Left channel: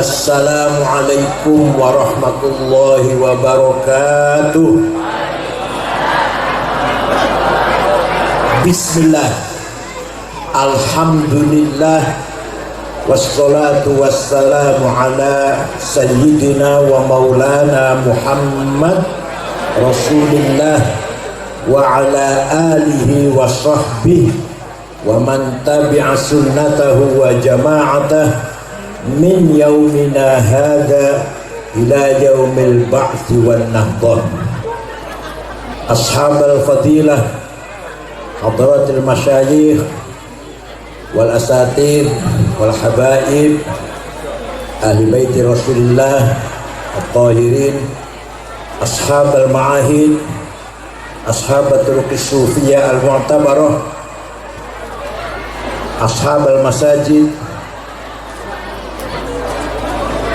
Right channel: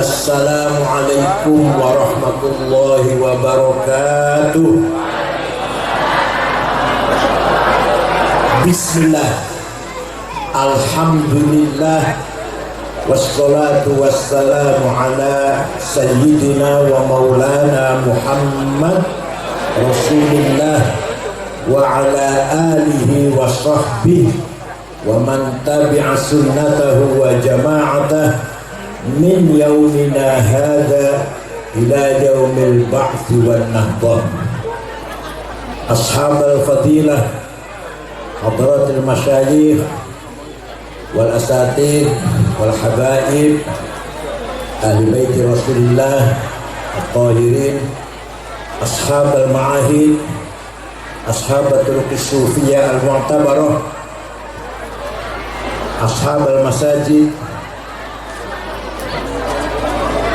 Assalamualaikum warahmatullahi wabarakatuh. Bismillah, alhamdulillah, wassalatu wassalamu ala sayyidina wa maulana Muhammad Rasulillah wa ala alihi wa sahbihi wa man tabi'a sunnatahu wa jama'atah min yaumina hadha ila yaumil ba'thi wan nahdah. Ashabal fadilah, hadratil masyayikh wal asatid wal habaib, ahli baiti Rasulillah at-tahirin, ashabal ma'ahid, ashabatul sufiyah al-mu'tabarah, ashabal masajid.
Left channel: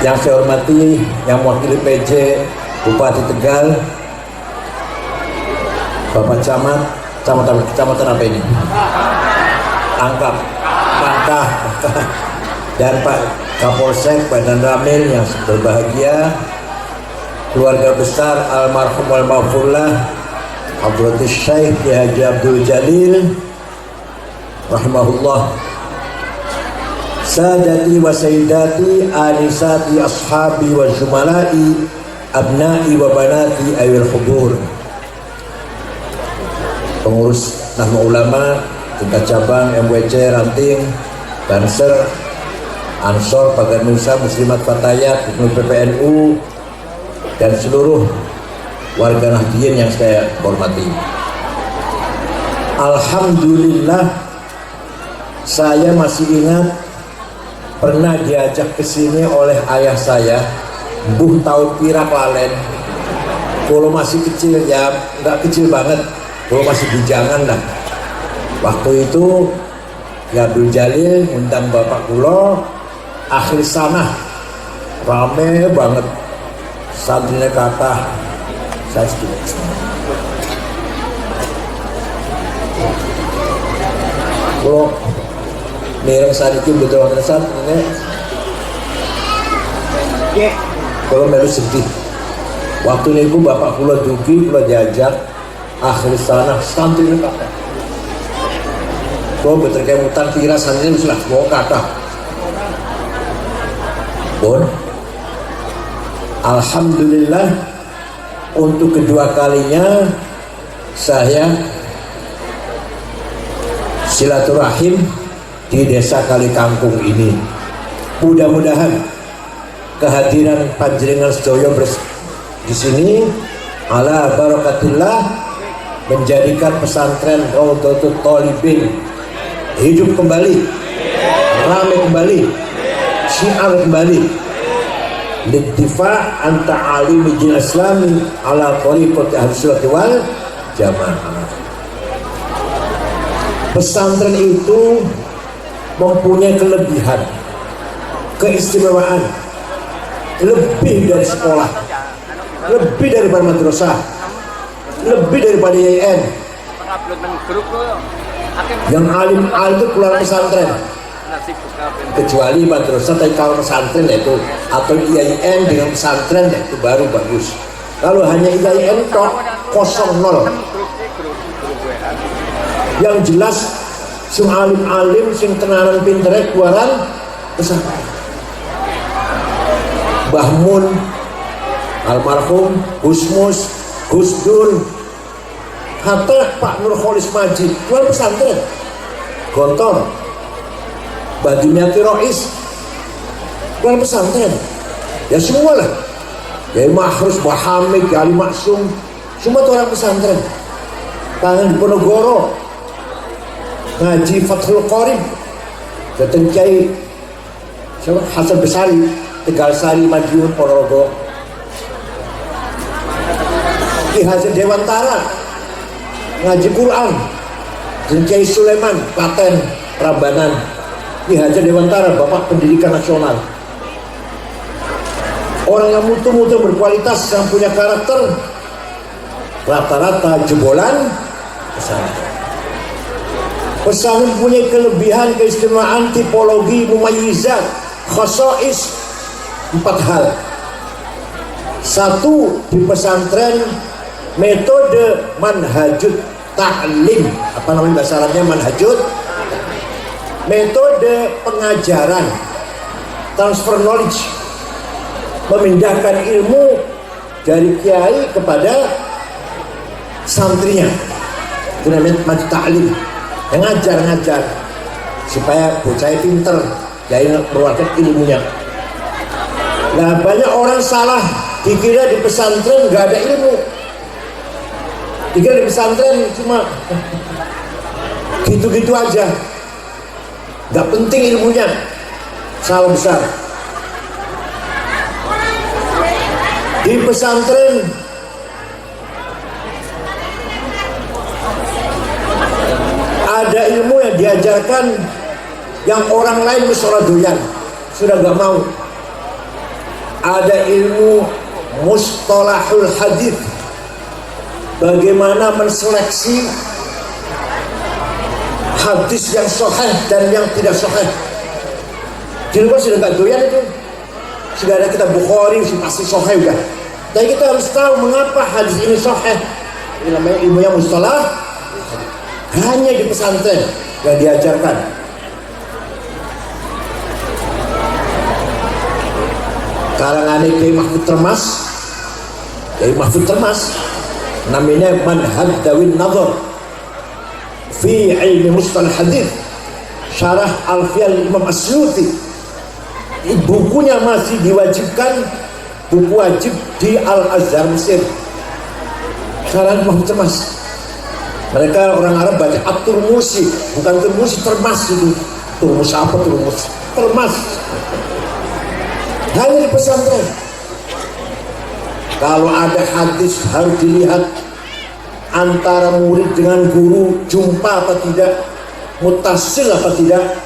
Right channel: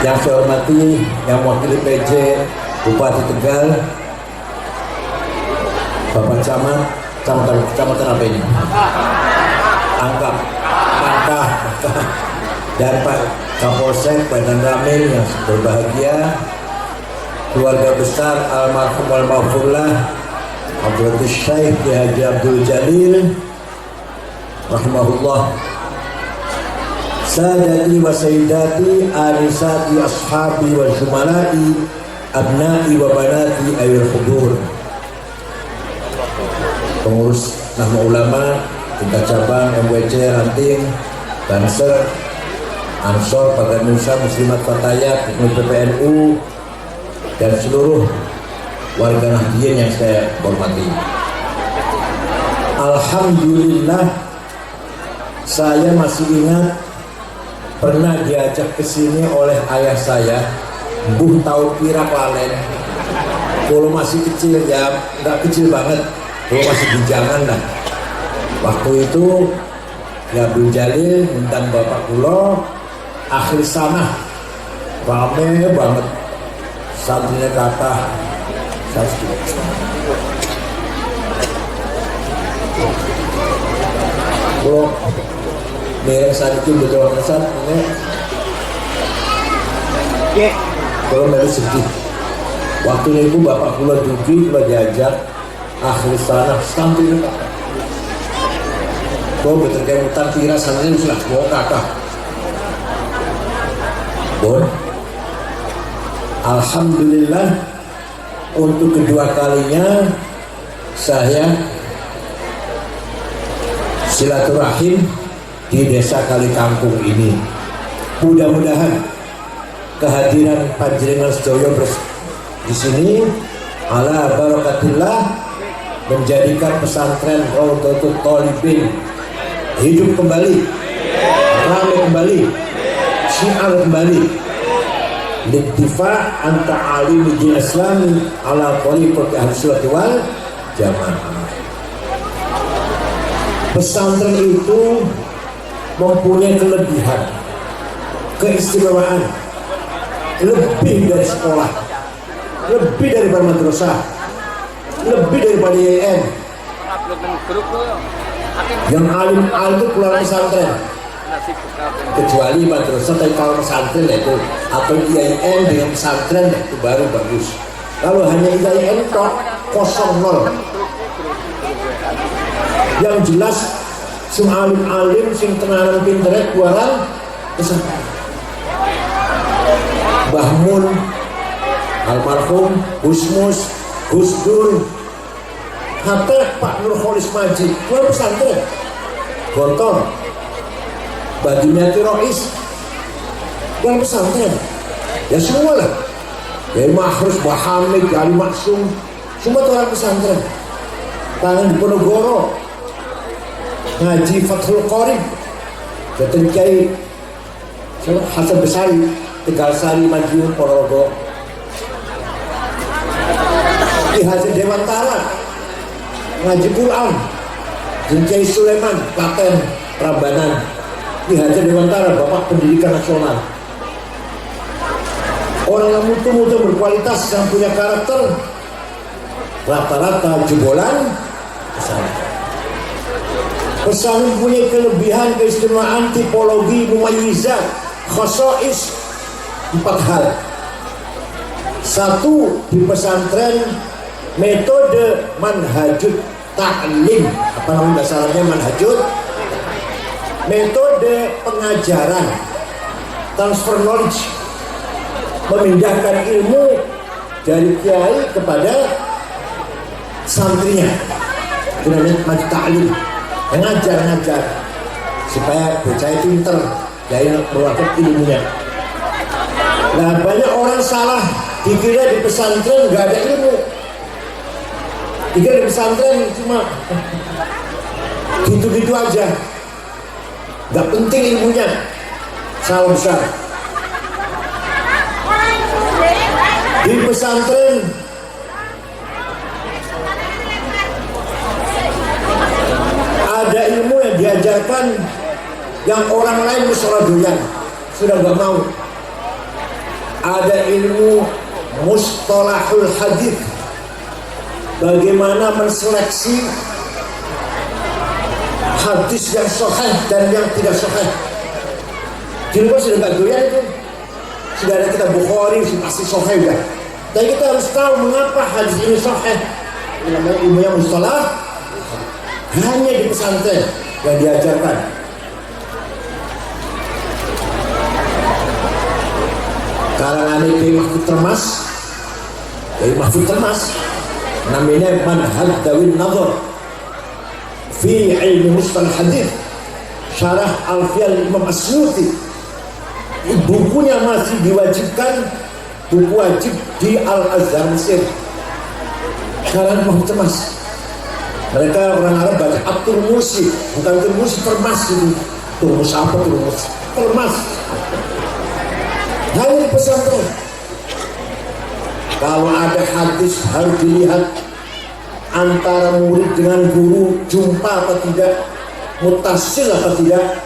Yang saya hormati, yang mewakili PJ Bupati Tegal, Bapak Camat, Kecamatan apa ini? Angkap, dan Pak Kapolsek, Pak Dan Ramil yang berbahagia, keluarga besar almarhum al-maghfurlah Abdul Syekh Haji Abdul Jalil rahimahullah. Sadati wa sayyidati, anisati ashabi wa zumalai, abnai wa banati ayil hudur. Pengurus Nahma Ulama tingkat cabang MWC Ranting, Banser, Ansor, Paganusa, Muslimat Fatayat, PPNU, dan seluruh warga Nahdien yang saya hormati. Alhamdulillah, saya masih ingat pernah diajak ke sini oleh ayah saya, Buh tahu kira palen. Kalau masih kecil, ya nggak kecil banget, kalau masih bujangan lah. Waktu itu ya Abdul Jalil undang bapak kulo, akhir sana rame banget, santrinya kata saya sedikit. Kulo mereng saat itu betul saat ini kalau melu sedih. Waktu itu bapak kula dugi, kula diajak akhir sana santri ini kata kau betul kayak mutan kira santri ini sudah mau kata bon. Alhamdulillah, untuk kedua kalinya saya silaturahim di desa Kali Kangkung ini. Mudah-mudahan kehadiran panjenengan sedoyo di sini ala barakatillah menjadikan pesantren Raudhatul Thalibin hidup kembali, ramai kembali, syiar kembali. Littifa anta alimi jin islami ala tariqati ahlussunnah wal jamaah. Pesantren itu mempunyai kelebihan, keistimewaan, lebih dari sekolah, lebih daripada madrasah, lebih daripada IAIN. Yang alim itu keluar pesantren, kecuali madrasah. Tapi kalau pesantren itu atau IAIN dengan pesantren itu baru bagus. Kalau hanya IAIN kok 0-0. Yang jelas sing alim-alim sing tenanan pintere kuaran pesantren. Mbah Mun, almarhum Gusmus, Gusdur, hatta Pak Nurholis Majid kuar pesantren. Gontor, Badunyati Rois kuar pesantren. Ya semua lah. Ya Mahrus, Mbah Hamid, Ali Maksum, semua itu orang pesantren. Tangan di Ponorogo ngaji Fathul Qorib, Jatuh Kiai Hasan Besari, Tegal Sari, Madiun, Ponorogo. Ki Haji Dewantara ngaji Quran, Kiai Sulaiman, Klaten, Prambanan. Ki Haji Dewantara, Bapak Pendidikan Nasional. Orang yang mutu-mutu berkualitas, yang punya karakter, rata-rata jebolan pesantren. Pesantren punya kelebihan, keistimewaan, tipologi, mumayyizat, khasais, 4 hal. Satu, di pesantren metode manhajut ta'lim, apa namanya bahasa Arabnya manhajut, metode pengajaran, transfer knowledge, memindahkan ilmu dari kiai kepada santrinya, itu namanya manhajut ta'lim, yang ngajar supaya bocah pinter dari mengeluarkan ilmunya. Nah, banyak orang salah dikira di pesantren nggak ada ilmu, dikira di pesantren cuma gitu-gitu aja, nggak penting ilmunya. Salah besar. Di pesantren ada ilmu yang diajarkan yang orang lain musola doyan sudah nggak mau. Ada ilmu mustalahul hadits, bagaimana menseleksi hadis yang sahih dan yang tidak sahih. Di luar sudah nggak doyan itu, sudah ada kitab Bukhari pasti sahih udah. Tapi kita harus tahu mengapa hadis ini sahih. Ini namanya ilmu yang mustalah, hanya di pesantren yang diajarkan. Karangan Kiai Mahfud Termas, namanya Manhaj Dawin Nazar fi ilmi mustalah hadits, syarah Alfiyah Imam Asyuti. Bukunya masih diwajibkan, buku wajib di Al-Azhar Mesir. Karangan Mahfud Termas. Mereka orang Arab baca At-Turmusi, bukan Turmusi, Termas itu. Turmus apa Turmus? Termas. Hanya di pesantren. Kalau ada hadis harus dilihat antara murid dengan guru, jumpa atau tidak, mutasil apa tidak.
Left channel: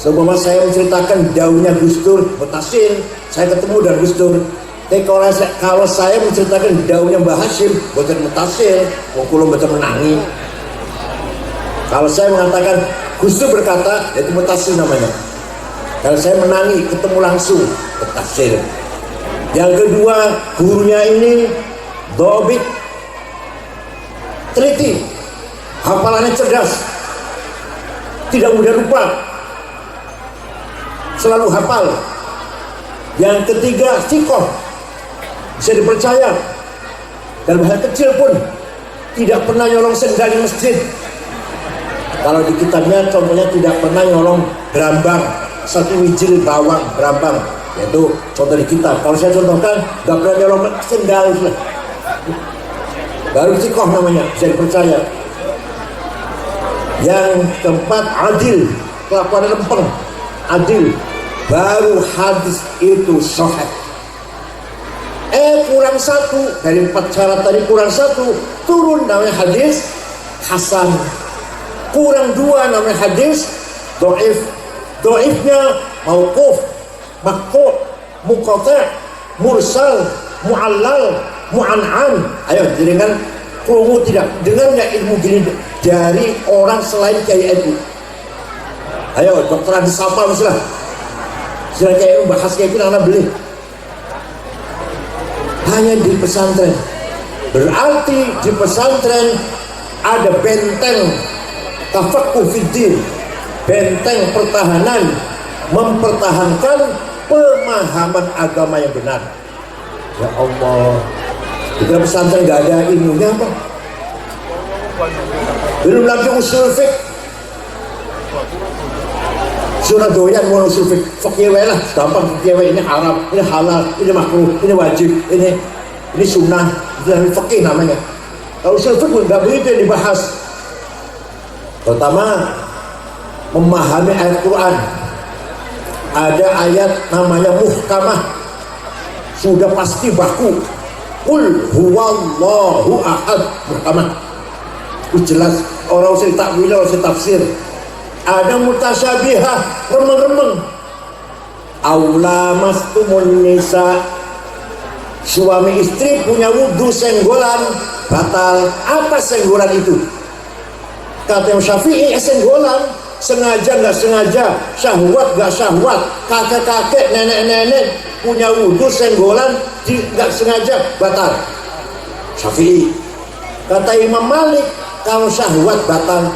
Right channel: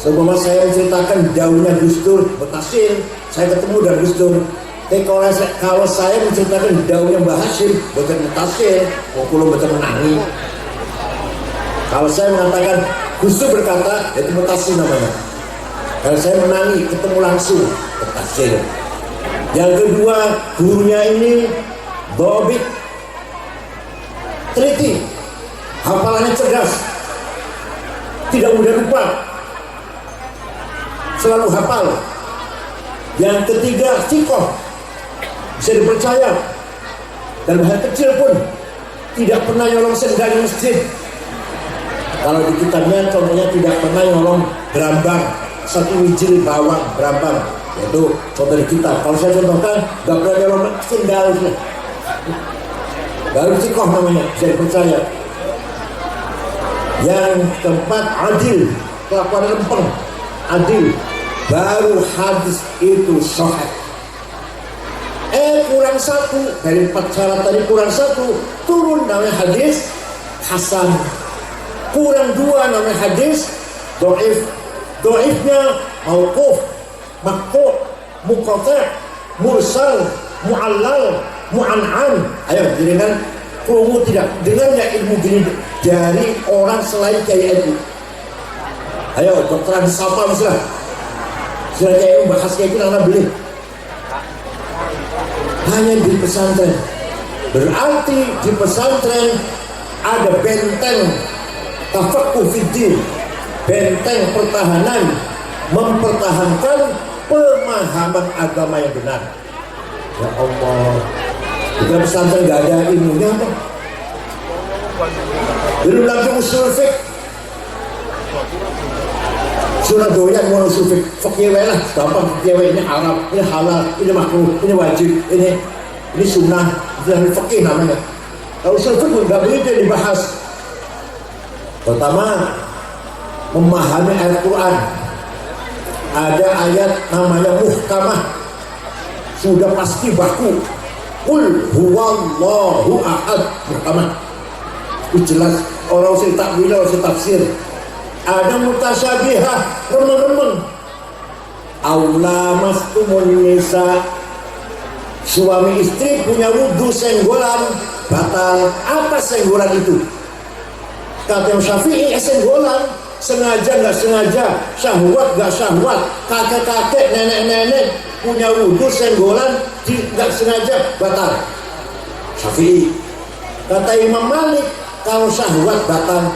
Sebelum saya menceritakan daunnya Gus Dur, mutasil, saya ketemu dengan Gus Dur. Tapi kalau saya menceritakan daunnya Mbah Hashim, bukan mutasil, kalau betul menangi. Kalau saya mengatakan Gus Dur berkata, itu mutasil namanya. Kalau saya menangi, ketemu langsung, mutasil. Yang kedua, gurunya ini dobit, teliti, hafalannya cerdas, tidak mudah lupa, selalu hafal. Yang ketiga, sikoh, bisa dipercaya. Dalam hal kecil pun tidak pernah nyolong sendal di masjid. Kalau di kitabnya contohnya tidak pernah nyolong berambang, 1 wijil bawang berambang, yaitu contoh di kitab. Kalau saya contohkan, nggak pernah nyolong sendal, baru sikoh namanya, bisa dipercaya. Yang keempat, adil, kelakuan lempeng, adil, baru hadis itu sahih. Kurang 1 dari 4 syarat tadi, kurang 1, turun namanya hadis hasan. Kurang 2 namanya hadis dhaif. Dhaifnya mauquf, maqtu', muqata', mursal, mu'allal, mu'an'an. Ayo dengar, kamu tidak dengar nggak ilmu gini dari orang selain Kiai NU? Ayo dokteran siapa misalnya? Selain Kiai NU bahas kayak gini anak beli. Hanya di pesantren. Berarti di pesantren ada benteng tafaqquh fiddin, benteng pertahanan, mempertahankan pemahaman agama yang benar. Ya Allah, di pesantren nggak ada ilmunya apa? Belum lagi usul fiqh. Sudah doyan mau usul fiqh, fikih lah, gampang fikih ini haram, ini halal, ini makruh, ini wajib, ini sunnah, ini fikih namanya. Kalau usul fiqh nggak begitu dibahas. Pertama, memahami ayat Quran. Ada ayat namanya muhkamah, sudah pasti baku. Qul huwallahu ahad, muhkamah. Itu jelas, orang usah takwil, orang usah tafsir. Ada mutasyabihah, remeng-remeng. Aula mastumun nisa, suami istri punya wudhu senggolan batal. Apa senggolan itu? Kata Imam Syafi'i senggolan, sengaja nggak sengaja, syahwat nggak syahwat, kakek-kakek, nenek-nenek punya wudhu senggolan nggak sengaja batal. Syafi'i. Kata Imam Malik, kalau syahwat batal,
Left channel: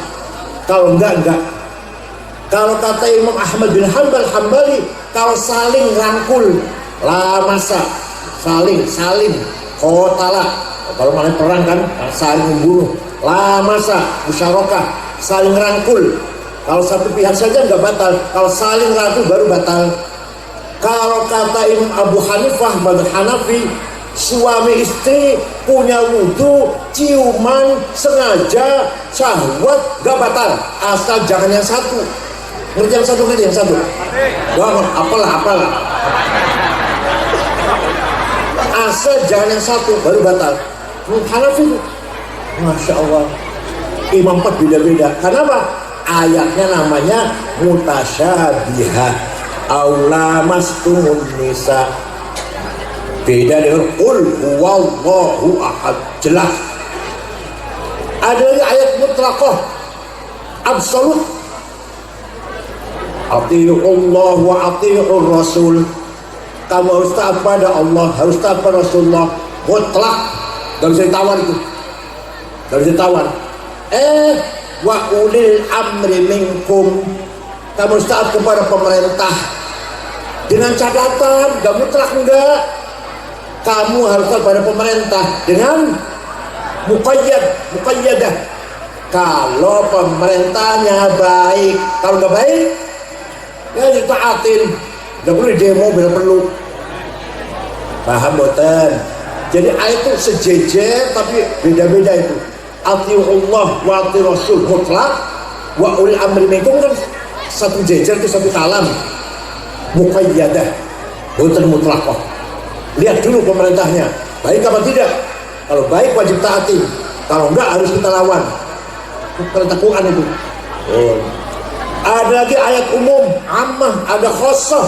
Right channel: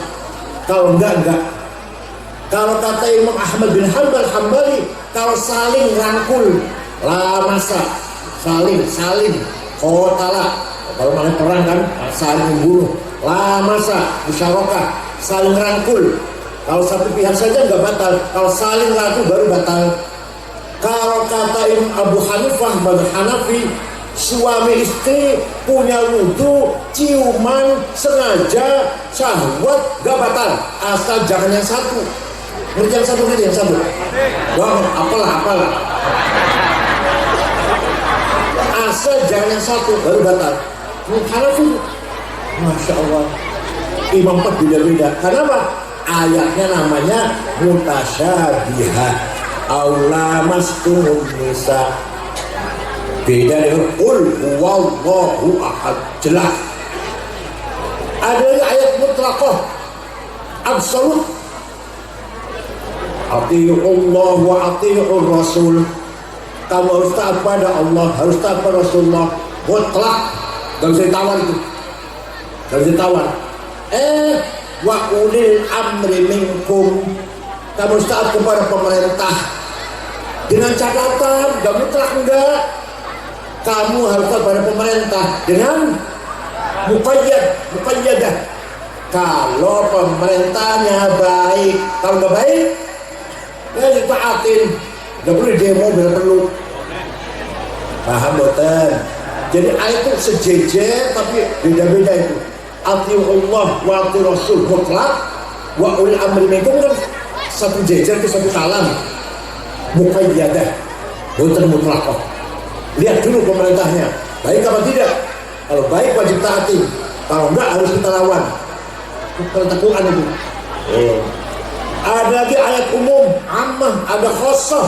kalau enggak. Kalau kata Imam Ahmad bin Hambali, kalau saling rangkul, la masa, saling, kotala. Kalau malah perang kan, saling membunuh, la masa, musyarakah, saling rangkul. Kalau satu pihak saja enggak batal, kalau saling rangkul baru batal. Kalau kata Imam Abu Hanifah bin Hanafi, suami istri punya wudhu, ciuman, sengaja, syahwat, gak batal, asal jangan yang satu. Ngerti yang satu. Wah, apalah. Asal jangan yang satu, baru batal. Hanafi, Masya Allah, imam empat beda-beda. Kenapa? Ayatnya namanya mutasyabihat. Aula mastumun nisa. Beda dengan qul huwallahu ahad, jelas. Ada lagi ayat mutlaqah, absolut. Atii'ullah wa atii'ur rasul. Kamu harus taat pada Allah, harus taat pada Rasulullah. Mutlak, gak bisa ditawar itu, gak bisa ditawar. Wa ulil amri minkum. Kamu harus taat kepada pemerintah. Dengan catatan, gak mutlak enggak. Kamu harus taat pada pemerintah dengan muqayyadah. Kalau pemerintahnya baik, kalau nggak baik, ya ditaatin. Nggak boleh demo bila perlu. Paham boten? Jadi ayat itu sejejer tapi beda-beda itu. Atii'ullah wa atii'ur rasul mutlak, wa ulil amri minkum kan satu jejer itu satu kalam. Muqayyadah, boten mutlaqah. Lihat dulu pemerintahnya, baik apa tidak. Kalau baik wajib taati, kalau enggak harus kita lawan. Pertemuan itu. Ada lagi ayat umum, ammah, ada khossah.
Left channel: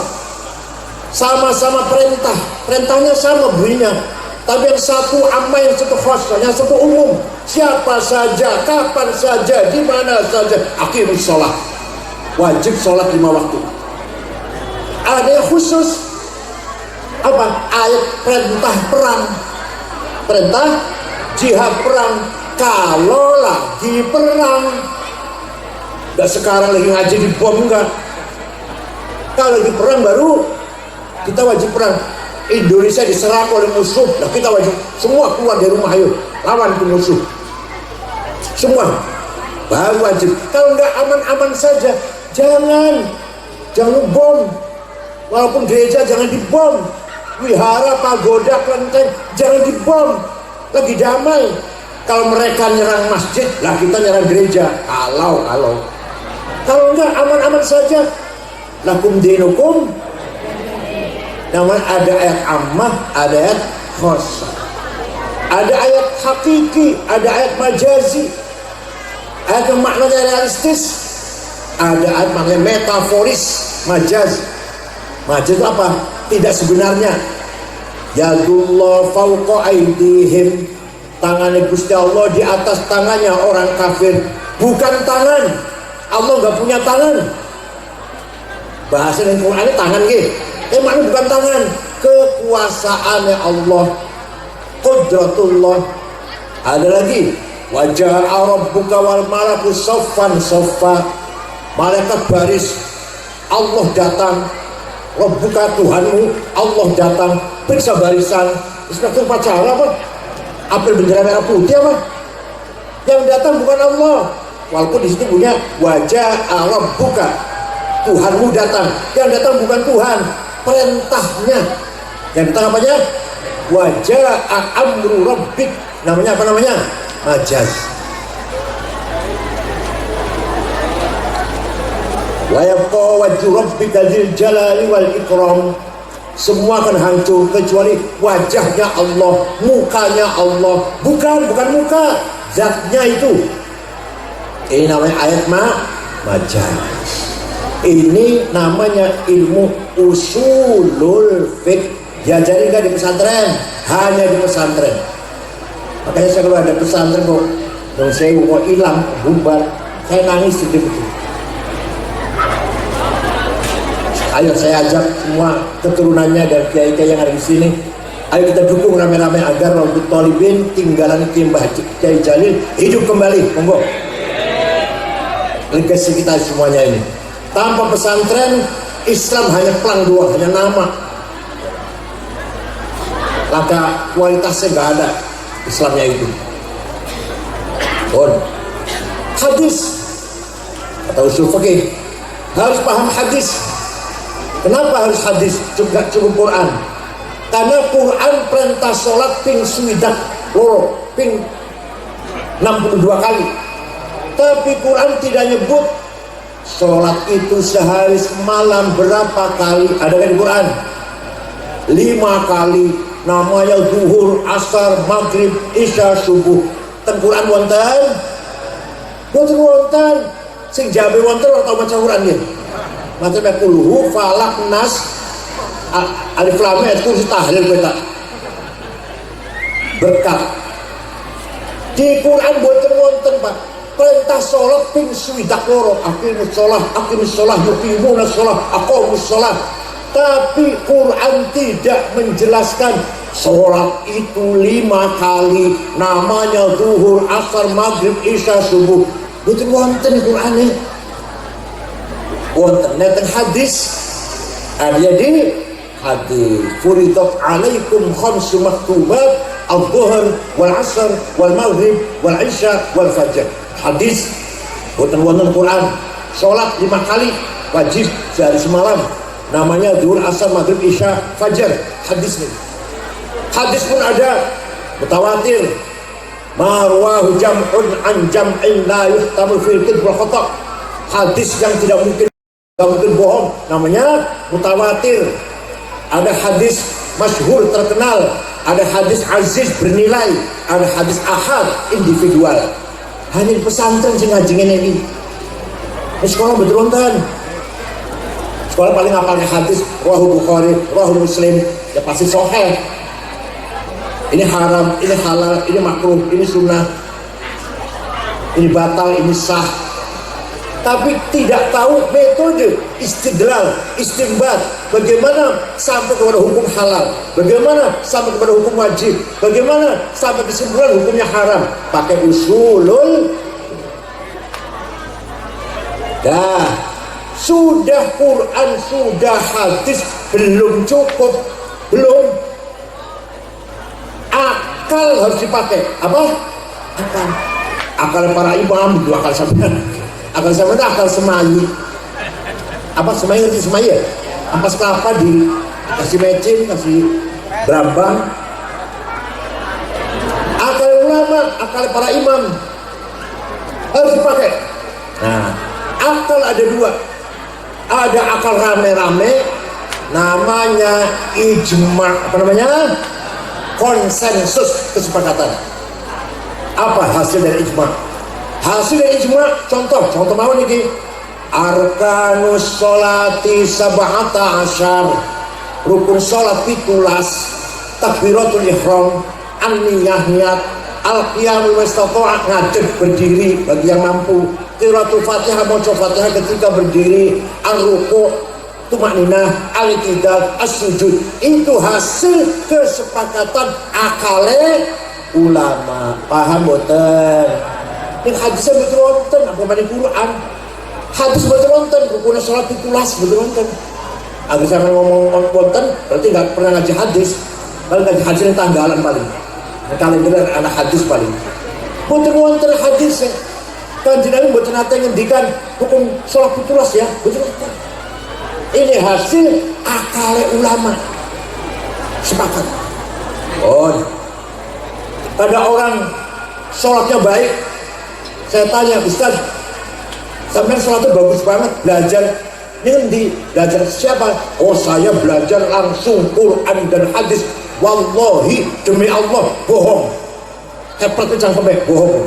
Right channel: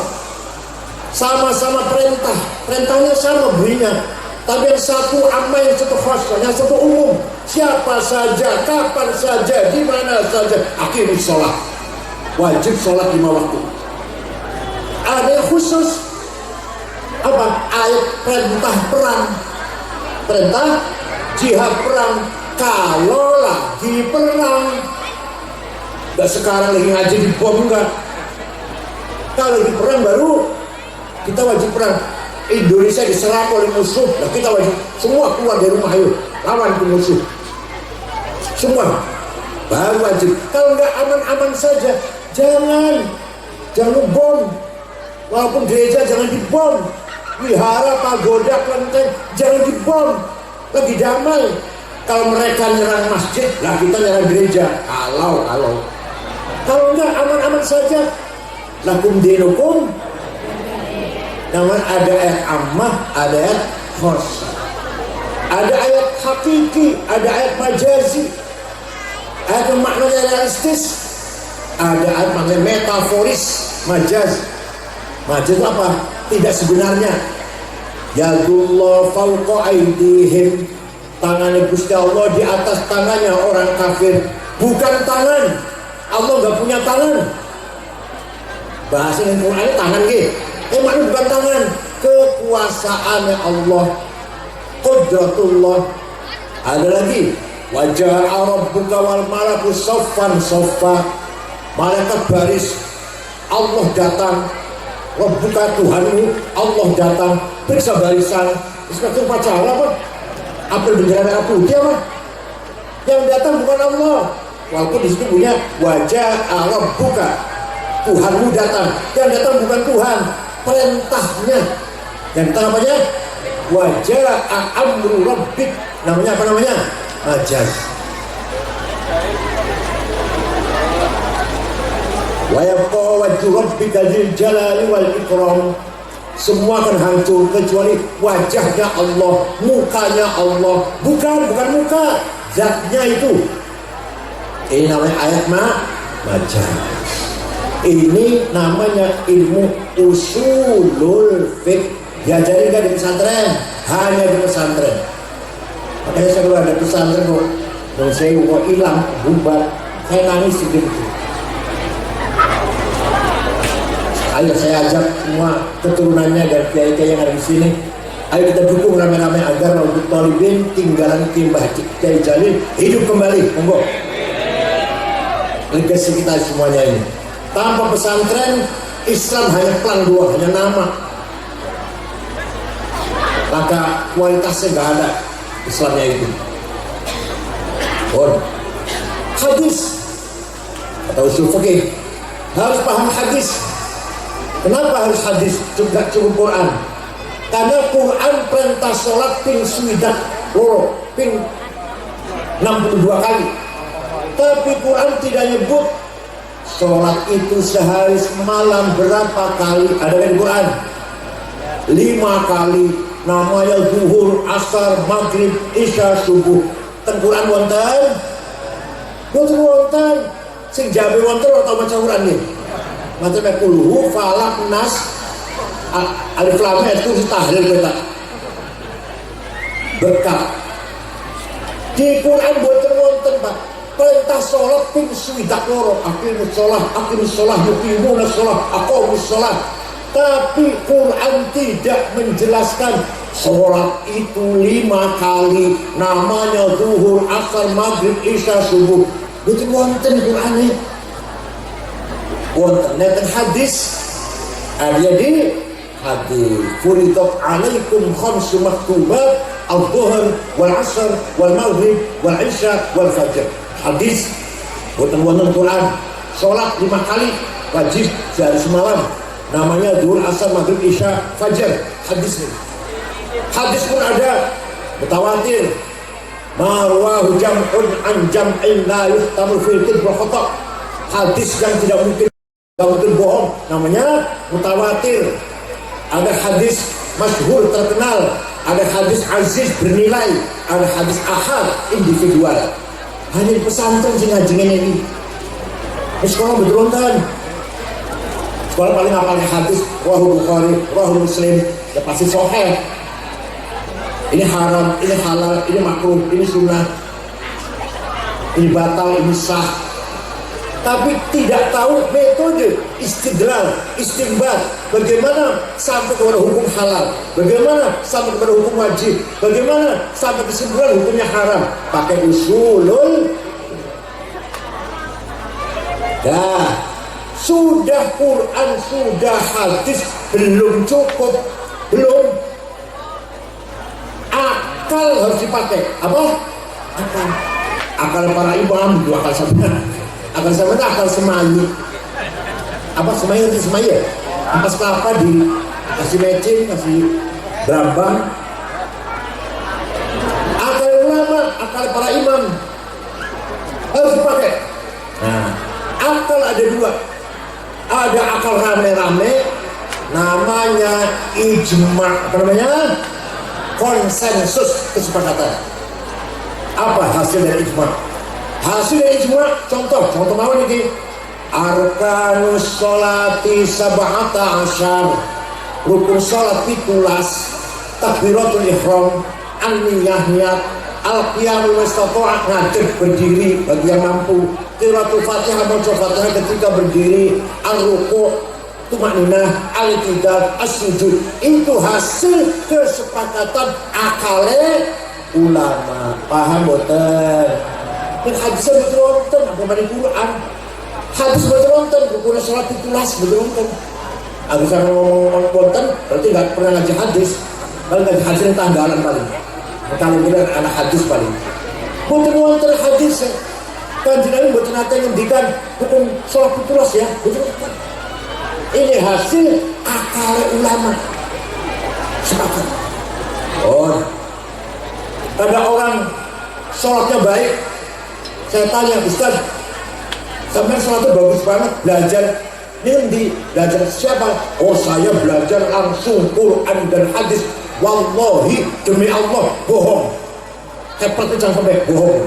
Sama-sama perintah, perintahnya sama bunyinya. Tapi yang satu ammah, yang satu khossah, yang satu umum. Siapa saja, kapan saja, di mana saja, aqimus sholat. Wajib sholat 5 waktu. Ada yang khusus, apa? Ayat perintah perang, perintah jihad perang. Kalau lagi perang, nggak sekarang lagi ngaji di bom, enggak. Kalau lagi perang baru kita wajib perang. Indonesia diserang oleh musuh, nah kita wajib semua keluar dari rumah, ayo lawan ke musuh. Semua baru wajib. Kalau nggak aman-aman saja, jangan bom. Walaupun gereja jangan dibom, wihara, pagoda, kelenteng jangan dibom. Lagi damai. Kalau mereka nyerang masjid, lah kita nyerang gereja. Kalau enggak aman-aman saja. Lakum dinukum. Namun ada ayat ammah, ada ayat khossah. Ada ayat hakiki, ada ayat majazi. Ayat yang maknanya realistis, ada ayat maknanya metaforis, majaz. Majaz itu apa? Tidak sebenarnya. Yadullah fawqa aydihim. Tangannya Gusti Allah di atas tangannya orang kafir. Bukan tangan. Allah nggak punya tangan. Bahasa yang Qurannya tangan gitu. Maknanya bukan tangan. Kekuasaannya Allah. Qudratullah. Ada lagi. Wajah rabbuka wal malaku saffan saffa. Malaikat baris. Allah datang. Rabbuka Tuhanmu. Allah datang. Periksa barisan. Inspektur upacara apa? Apel bendera merah putih apa? Yang datang bukan Allah. Walaupun di situ punya wajah rabbuka. Tuhanmu datang. Yang datang bukan Tuhan. Perintahnya. Yang datang apanya? Wajah amru rabbik. Namanya apa namanya? Majaz. Wa yabqa wajhu rabbika dzil jalali wal ikram. Semua akan hancur kecuali wajahnya Allah, mukanya Allah. Bukan muka, zatnya itu. Ini namanya ayat majaz. Ini namanya ilmu usulul fiqh. Diajari nggak di pesantren? Hanya di pesantren. Makanya saya kalau ada pesantren kok saya hilang, bubar. Saya nangis sedih itu. Ayo saya ajak semua keturunannya dan kiai-kiai yang ada di sini. Ayo kita dukung rame-rame agar Raudhut Thalibin tinggalan Mbah Kiai Jalil hidup kembali. Monggo. Legasi kita semuanya ini. Tanpa pesantren, Islam hanya pelang dua, hanya nama. Maka kualitasnya nggak ada Islamnya itu. Hadis atau usul fikih harus paham hadis. Kenapa harus hadis? Juga cukup Quran. Karena Quran perintah sholat ping swidak loro, ping 62 kali. Tapi Quran tidak nyebut sholat itu sehari semalam berapa kali. Ada kan di Quran? 5 kali. Namanya zuhur, asar, maghrib, isya, subuh. Teng Quran wonten. Boten wonten. Sing jabe wonten atau maca Quran nggih. Maca kulhu, falak, nas, alif lam mim itu tahlil kita. Berkah. Di Quran boten wonten, Pak. Perintah sholat ping swidak loro. Aqimus sholah, yuqimuna sholah, aqamus sholah. Tapi Quran tidak menjelaskan sholat itu 5 kali. Namanya zuhur, asar, maghrib, isya, subuh. Betul wonten Quran ini. Wonten neten hadis. Jadi hadis. Furidat alaikum khamsu maktubat al-dhuhr wal asr wal maghrib wal isya wal fajr. Hadis. Wonten Quran. Sholat 5 kali wajib sehari semalam. Namanya zuhur, asar, maghrib, isya, fajar. Hadis ini. Hadis pun ada mutawatir. Marwahu jam'un an jam'in la yuhtamu fil kadhib wa khata'. Hadis yang tidak mungkin bohong, namanya mutawatir. Ada hadis masyhur terkenal, ada hadis aziz bernilai, ada hadis ahad individual. Hanya di pesantren sing ngajengin ini. Di sekolah betul kan? Sekolah paling hafalnya hadis Rawahu Bukhari, Rawahu Muslim, ya pasti sahih. Ini haram, ini halal, ini makruh, ini sunnah, ini batal, ini sah. Tapi tidak tahu metode istidlal, istinbat, bagaimana sampai kepada hukum halal, bagaimana sampai kepada hukum wajib, bagaimana sampai kesimpulan hukumnya haram. Pakai usulul. Dah. Sudah Quran, sudah hadis, belum cukup, belum. Akal harus dipakai. Apa? Akal. Akal para imam, dua akal sama. Akal sama itu akal semayi. Apa semayi itu semayi ya? Ampas kelapa di kasih mecin, kasih berambang. Akal ulama, akal para imam harus dipakai. Nah, akal ada dua. Ada akal rame-rame, namanya ijma, apa namanya? Konsensus, kesepakatan. Apa hasil dari ijma? Hasil dari ijma, contoh mau nih. Arkanus sholati sab'ata asyar. Rukun sholat 17, takbiratul ihram, an-niyah niat, al-qiyamul mustata'a ngadeg berdiri bagi yang mampu. Qiraatul Fatihah, baca Fatihah ketika berdiri, ar-ruku', tumakninah, al-i'tidal, as-sujud. Itu hasil kesepakatan akale ulama. Paham boten? Ini hadisnya betul wonten, apa dari Quran? Hadis betul wonten, rukun salat 17 betul wonten. Aku sampai ngomong wonten, berarti nggak pernah ngaji hadis. Kalau ngaji hadis ini tanggalan paling. Kalau benar anak hadis paling. Betul wonten hadisnya. Kanjeng Nabi mboten nate ngendikan hukum salat 17 ya, betul. Ini hasil akal ulama. Sepakat. Ada orang sholatnya baik. Saya tanya, Ustaz, sampai sholatnya bagus banget, belajar. Ini ngendi? Belajar siapa? Oh, saya belajar langsung Quran dan hadis. Wallahi, demi Allah, bohong. Hebat jangan sampai bohong.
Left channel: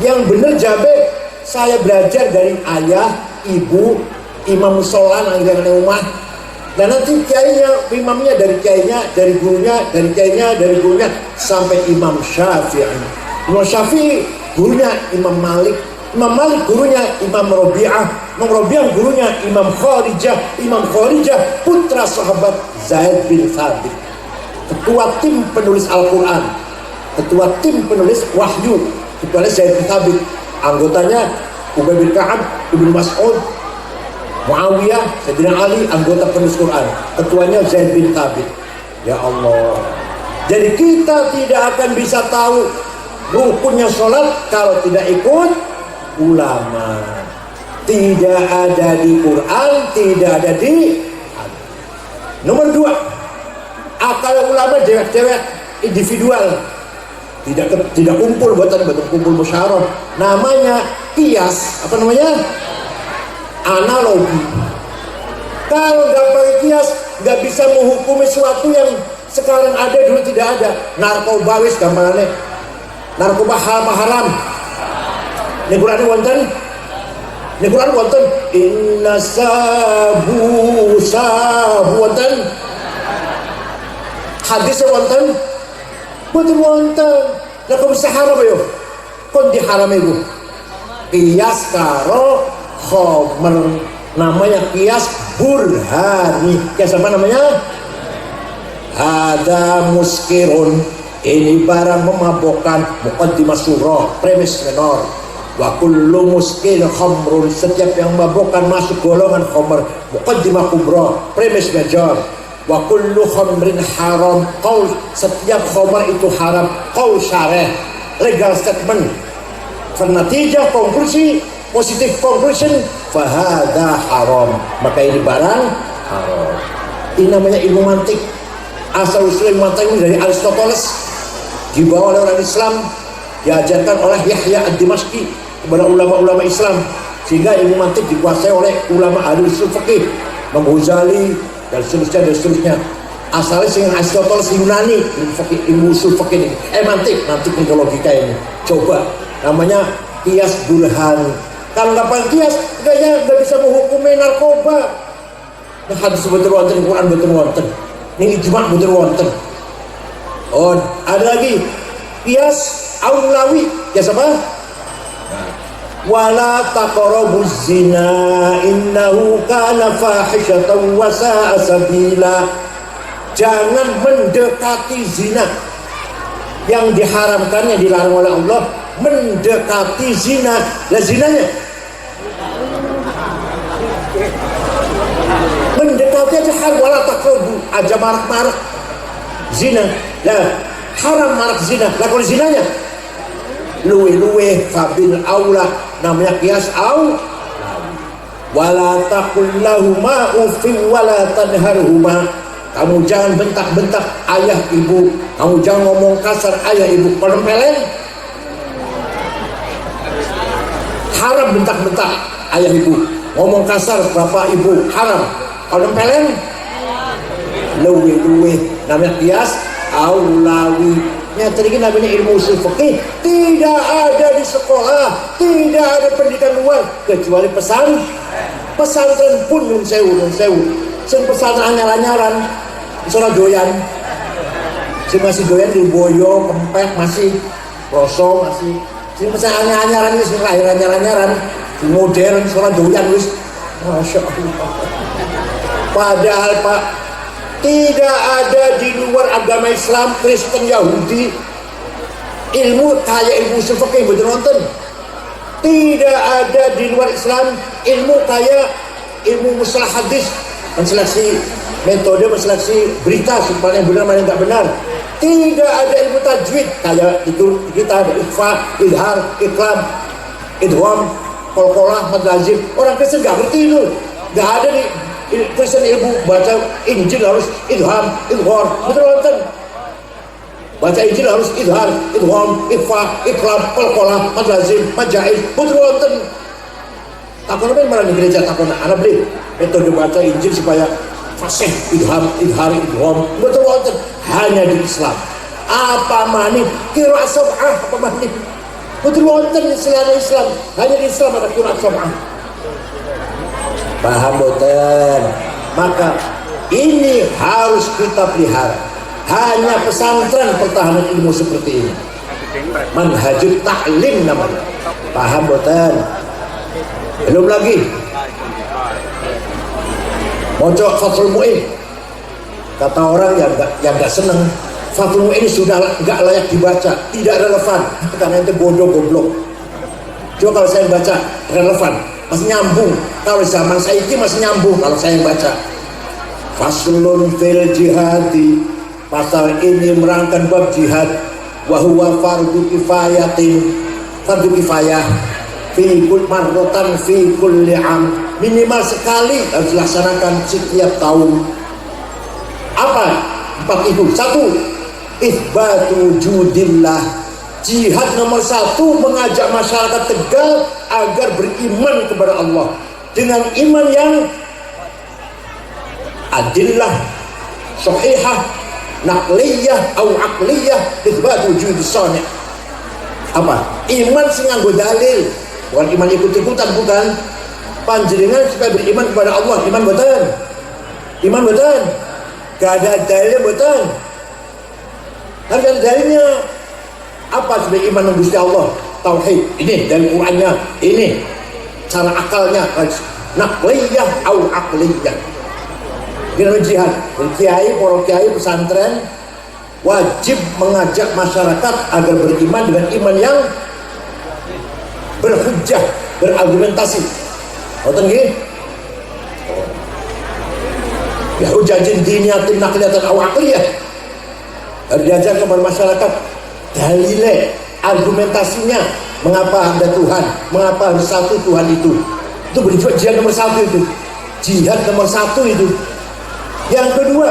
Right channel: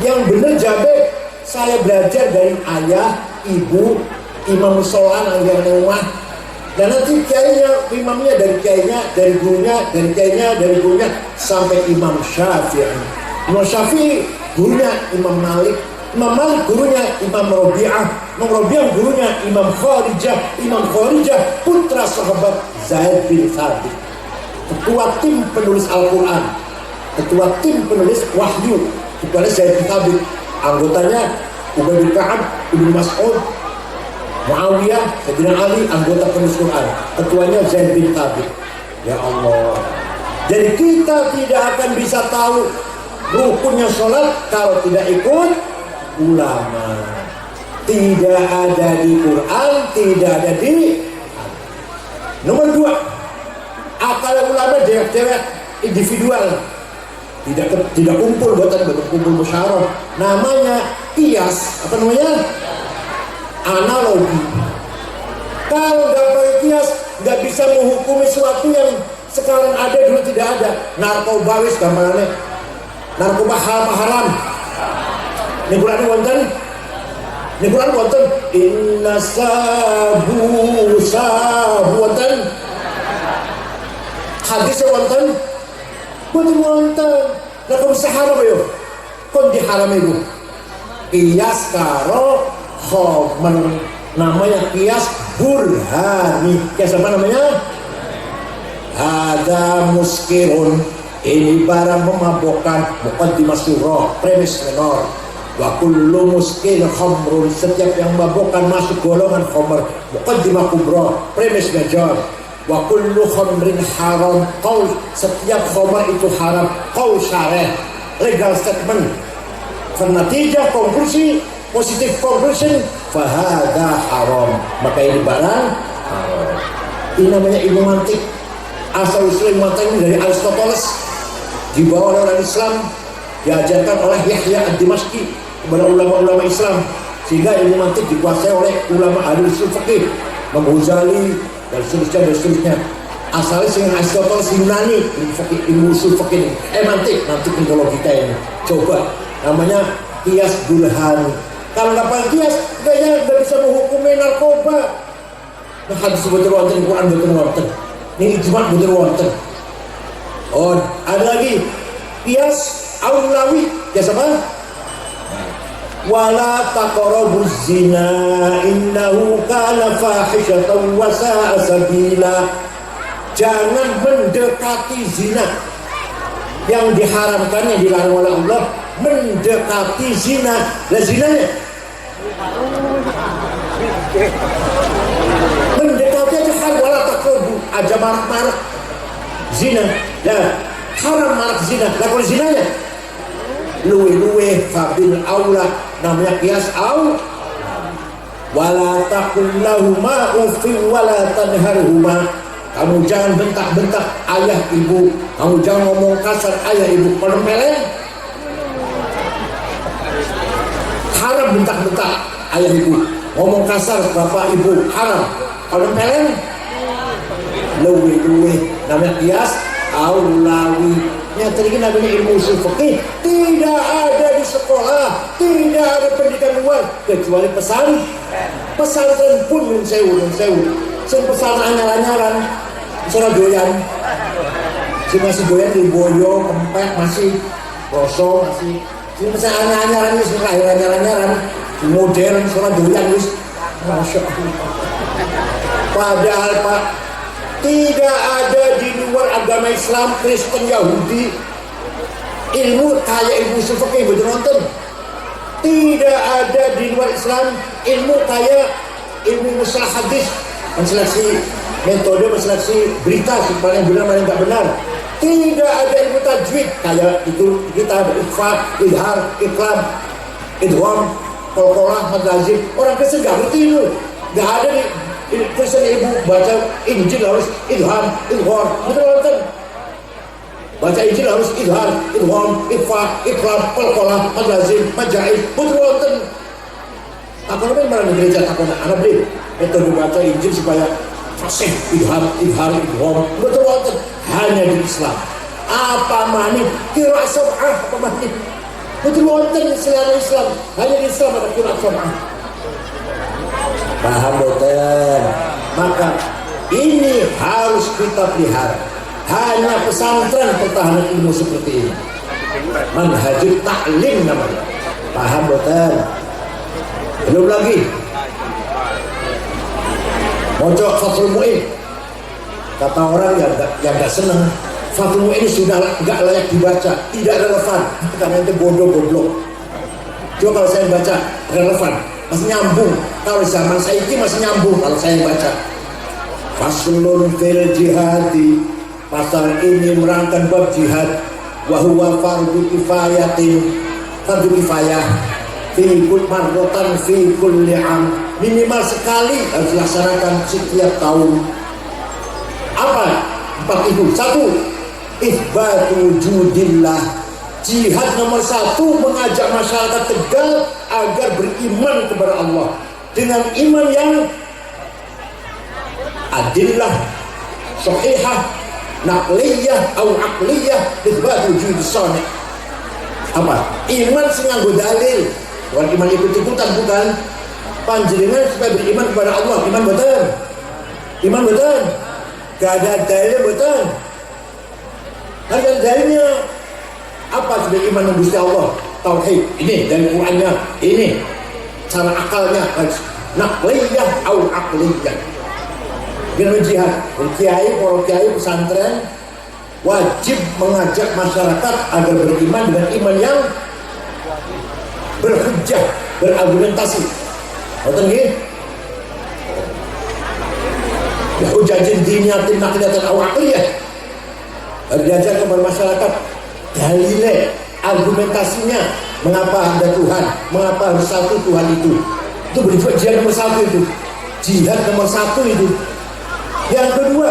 Yang benar jabe, saya belajar dari ayah, ibu, imam musola yang di rumah. Dan nanti kiainya, imamnya dari kiainya, dari gurunya, dari kiainya, dari gurunya, sampai Imam Syafi'i. Imam Syafi'i, gurunya Imam Malik, Imam Malik gurunya Imam Rabi'ah, Imam Rabi'ah gurunya Imam Kharijah putra sahabat Zaid bin Thabit, ketua tim penulis Al-Quran, ketua tim penulis Wahyu, ketua Zaid bin Thabit, anggotanya Ubay bin Ka'ab, Ibnu Mas'ud, Muawiyah, Sayyidina Ali, anggota penulis Quran, ketuanya Zaid bin Thabit. Ya Allah, jadi kita tidak akan bisa tahu rukunnya sholat kalau tidak ikut ulama. Tidak ada di Quran, tidak ada di hadis. Nomor 2, akal ulama dewek-dewek individual, tidak kumpul, buatan kumpul musyawarah. Namanya kias, apa namanya? Analogi. Kalau nggak pakai kias, nggak bisa menghukumi sesuatu yang sekarang ada dulu tidak ada. Narkoba wis gambarannya, narkoba haram. Ini Quran wonten inna sabu wonten, hadis wonten boten wonten. Lah kok bisa haram yo? Kon diharam iku kias karo khomer, namanya kias burhani. Kias apa namanya? Ada muskirun, ini barang memabukkan, muqaddimah surah, premis menor. Wa kullu muskil khamrun, setiap yang memabukkan masuk golongan khamr, muqaddimah kubra, premis major. Wa kullu khamrin haram, qaul, setiap khamr itu haram, qaul syarih, legal statement. Natijah konklusi, positif conclusion, fahada haram, maka ini barang haram. Ini namanya ilmu mantik. Asal usul ilmu mantik dari Aristoteles, dibawa oleh orang Islam, diajarkan oleh Yahya ad-Dimashqi kepada ulama-ulama Islam, sehingga ilmu mantik dikuasai oleh ulama ahli usul fikih, Imam Ghazali dan seterusnya. Asalnya dengan Aristoteles Yunani, ilmu usul fikih, mantik logika ini. Coba, namanya kias burhani. Kalau nggak pakai kias, nggak bisa menghukumi narkoba. Nah, hadis betul wonten, Quran betul wonten, ini ijma betul wonten. Oh, ada lagi kias aulawi, kias apa? Wala taqrabuz zina innahu kana fahishatan wa sa'a sabila. Jangan mendekati zina. Yang diharamkan, yang dilarang oleh Allah, mendekati zina. Lah zinanya mendekati aja hal, wala taqrabu aja marak-marak zina. Lah haram marak zina. Lah kalau zinanya luwe fabil aula, namanya kias au. Wala taqul lahuma uffin wala tanharhuma. Kamu jangan bentak-bentak ayah ibu, kamu jangan ngomong kasar ayah ibu. Kalau peleng haram bentak-bentak ayah ibu, ngomong kasar bapak ibu haram. Kalau peleng luwe namanya kias aulawi. Yang tadi namanya ilmu usul fikih, tidak ada di sekolah, tidak ada pendidikan luar kecuali pesantren pun nun sewu. Sing pesantren anyar-anyaran, soal doyan, sing masih doyan di boyo, kempek masih, rosong masih, sing pesantren anyar-anyaran wis anyar-anyaran, modern soal doyan wis, masya Allah. Padahal Pak, tidak ada di luar agama Islam, Kristen, Yahudi ilmu kayak ilmu usul fikih betul nonton. Tidak ada di luar Islam ilmu kayak ilmu mustalah hadis, menseleksi metode, menseleksi berita supaya yang benar mana yang tidak benar. Tidak ada ilmu tajwid kayak itu kita ikhfa, idhar, iklam, idgham, qalqalah, madzhab. Orang Kristen nggak ngerti itu, nggak ada di Kristen. Ibu baca Injil harus idham, idgham, betul nonton. Baca Injil harus idhar, idgham, ikhfa, iklam, qalqalah, madzhab, majaiz, betul nonton. Takon apa yang malah di gereja takon anak beli metode baca Injil supaya fasih, idham, idgham, betul nonton. Hanya di Islam. Apa mani kira sab'ah, apa mani betul nonton selain Islam. Hanya di Islam ada kira sab'ah. Paham boten? Maka ini harus kita pelihara. Hanya pesantren pertahanan ilmu seperti ini. Manhajul ta'lim namanya. Paham boten? Belum lagi. Mocok Fathul Mu'in. Kata orang yang nggak seneng, Fathul Mu'in sudah nggak layak dibaca, tidak relevan karena itu bodoh goblok. Coba kalau saya baca relevan, masih nyambung. Kalau zaman saya ini masih nyambung kalau saya baca. Faslun fil jihadi, pasal ini merangkan bab jihad. Wahuwa fardu kifayatin, fardu kifayah fi kul marrotan fi kulli am, minimal sekali harus dilaksanakan setiap tahun. Apa empat itu? Satu, itsbatu wujudillah. Jihad nomor satu, mengajak masyarakat Tegal agar beriman kepada Allah dengan iman yang adillah, sahihah, naqliyah atau aqliyah, itsbatu wujudis shani'. Apa? Iman sing nganggo dalil, bukan iman ikut-ikutan, bukan. Panjenengan supaya beriman kepada Allah, iman betul, iman betul. Gak ada dalilnya betul. Kan ada dalilnya. Apa sebagai iman Gusti Allah? Tauhid. Ini dari Qur'annya. Ini cara akalnya. Naqliyah atau aqliyah. Dengan jihad. Kiai, para kiai pesantren wajib mengajak masyarakat agar beriman dengan iman yang berhujjah, berargumentasi. Ngerti nggih? Ya hujajin diniyatin naqliyatan aw aqliyah. Harus diajar kepada masyarakat dalilnya, argumentasinya, mengapa ada Tuhan, mengapa harus satu Tuhan itu berjuang. Jihad nomor satu itu, jihad nomor satu itu. Yang kedua,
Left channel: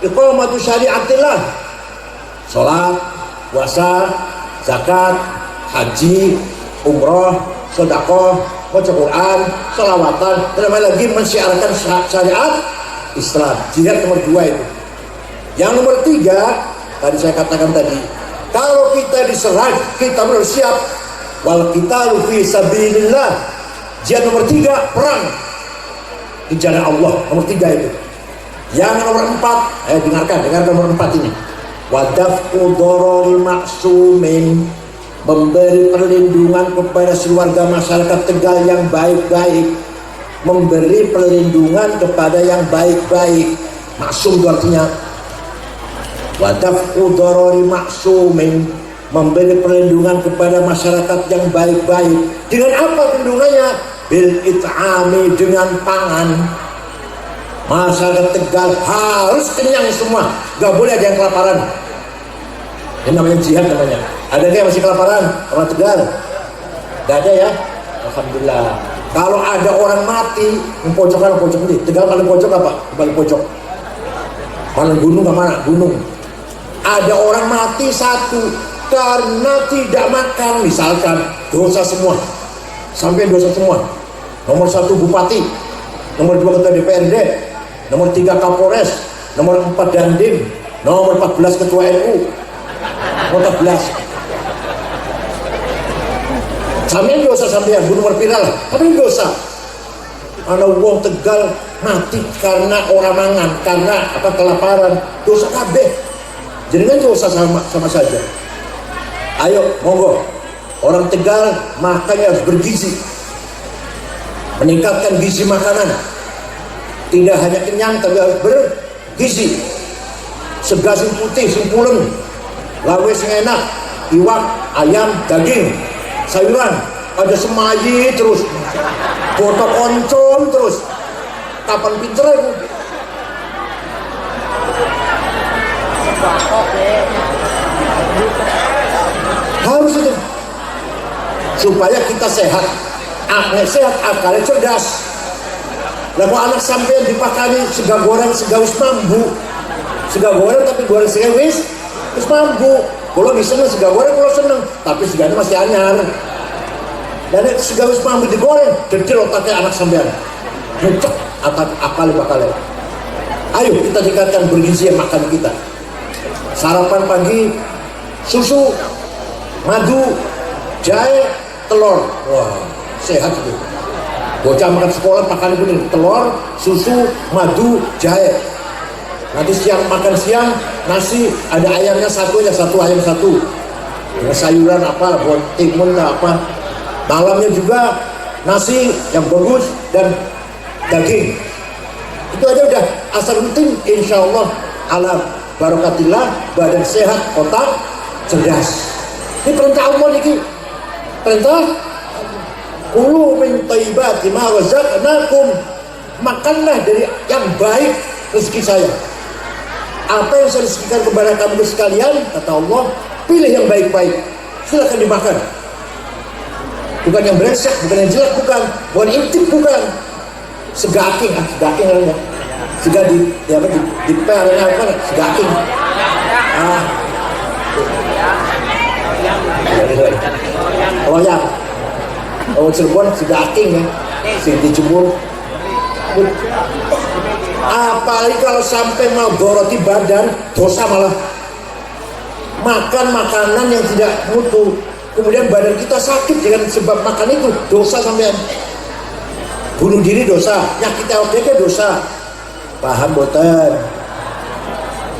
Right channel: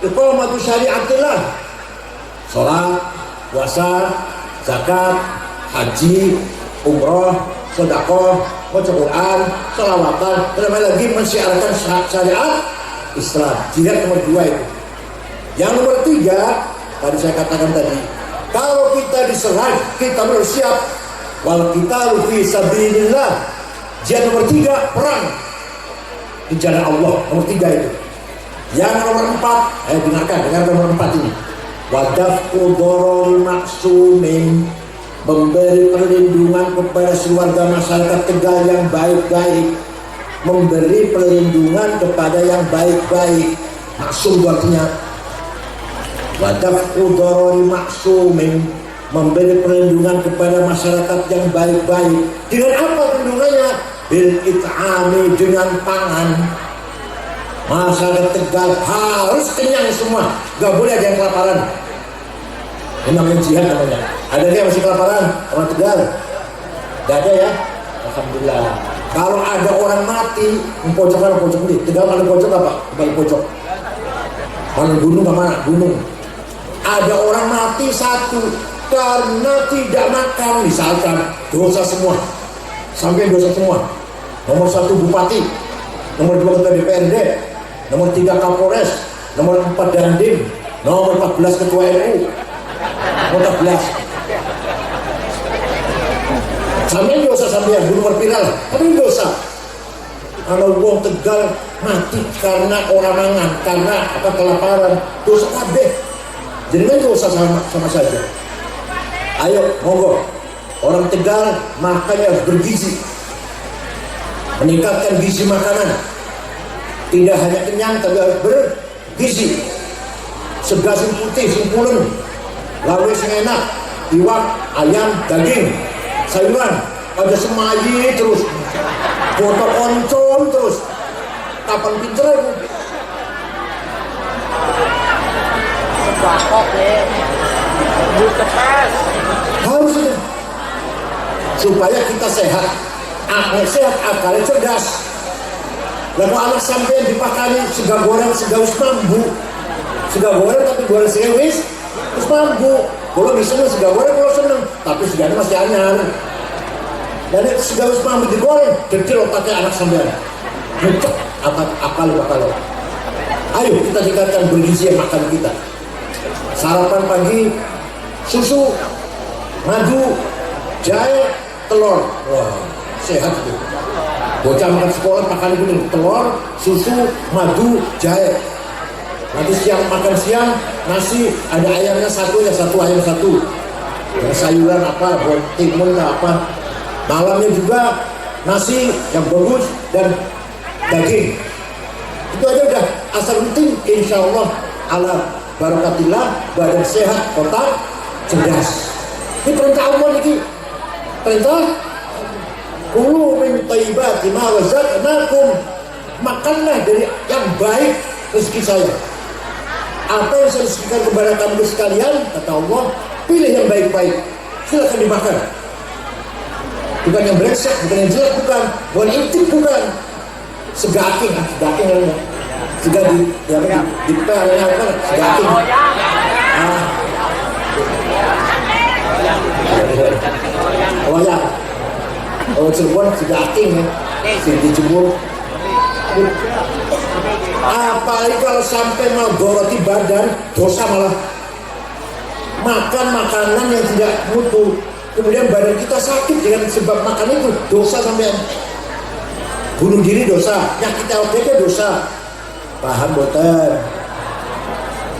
iqamatu syariatillah, sholat, puasa, zakat, haji, umroh, sedekah, baca Quran, sholawatan, dan lagi mensyiarkan syariat Islam. Jihad nomor dua itu. Yang nomor tiga, tadi saya katakan tadi, kalau kita diserang, kita harus siap. Wal qitalu fi sabilillah. Jihad nomor tiga, perang di jalan Allah. Nomor tiga itu. Yang nomor empat, dengarkan nomor empat ini. Wadaf'u dhararil maksumin, memberi perlindungan kepada keluarga masyarakat Tegal yang baik-baik. Memberi perlindungan kepada yang baik-baik. Maksum itu artinya wadaf'u dhararil maksumin, memberi perlindungan kepada masyarakat yang baik-baik. Dengan apa perlindungannya? Bil it'ami, dengan pangan. Masyarakat Tegal harus kenyang semua, gak boleh ada yang kelaparan. Ini namanya jihad namanya. Ada yang masih kelaparan orang Tegal? Gak ada ya? Alhamdulillah. Kalau ada orang mati, pojok ini. Tegal paling pojok apa? Paling pojok. Paling gunung mana? Gunung. Ada orang mati satu karena tidak makan, misalkan dosa semua, sampai dosa semua. Nomor satu bupati, nomor dua ketua DPRD, nomor tiga Kapolres, nomor empat Dandim, nomor 14 ketua NU, nomor 14. Sampai dosa sampai yang bunuh viral, tapi dosa. Kalau wong Tegal mati karena orang mangan, karena apa kelaparan, dosa kabeh. Jadi kan dosa sama saja. Ayo, monggo. Orang Tegal makannya harus bergizi. Meningkatkan gizi makanan. Tidak hanya kenyang, tapi harus bergizi. Segar sing putih, sing pulen. Lawe sing enak. Iwak, ayam, daging, sayuran. Ada semayi terus. Foto oncom terus. Kapan pinternya? Harus itu supaya kita sehat, anak sehat, akalnya cerdas. Lalu anak sampai dipakani sega goreng, sega wis mambu, sega goreng tapi goreng sega wis mambu. Kalau misalnya sega goreng kalau seneng, tapi seganya masih anyar. Dan sega wis mambu digoreng, kecil otaknya anak sampean, ngecek akal bakal. Ayo kita tingkatkan bergizi makan kita. Sarapan pagi susu, madu, jahe, telur. Wah, sehat itu. Bocah makan sekolah makan kuning, telur, susu, madu, jahe. Nanti siang makan siang nasi, ada ayamnya satu, ayam satu. Dengan sayuran apa, buat timun apa. Malamnya juga nasi yang bagus dan daging. Itu aja udah asal penting, insya Allah ala barakatillah, badan sehat, otak cerdas. Ini perintah Allah ini. Perintah kulu min thayyibati ma razaqnakum, makanlah dari yang baik rezeki saya. Apa yang saya rezekikan kepada kamu sekalian, kata Allah, pilih yang baik-baik, silakan dimakan. Bukan yang brengsek, bukan yang jelek, bukan intip, bukan segaking, namanya. Sega di pernya apa? Segaking. Loyang. Oh, Cirebon segaking ya. Sing dijemur. Apalagi kalau sampai menggoroti badan, dosa malah. Makan makanan yang tidak mutu, kemudian badan kita sakit dengan sebab makan itu, dosa sampai. Bunuh diri dosa, nyakit LPG dosa. Paham boten?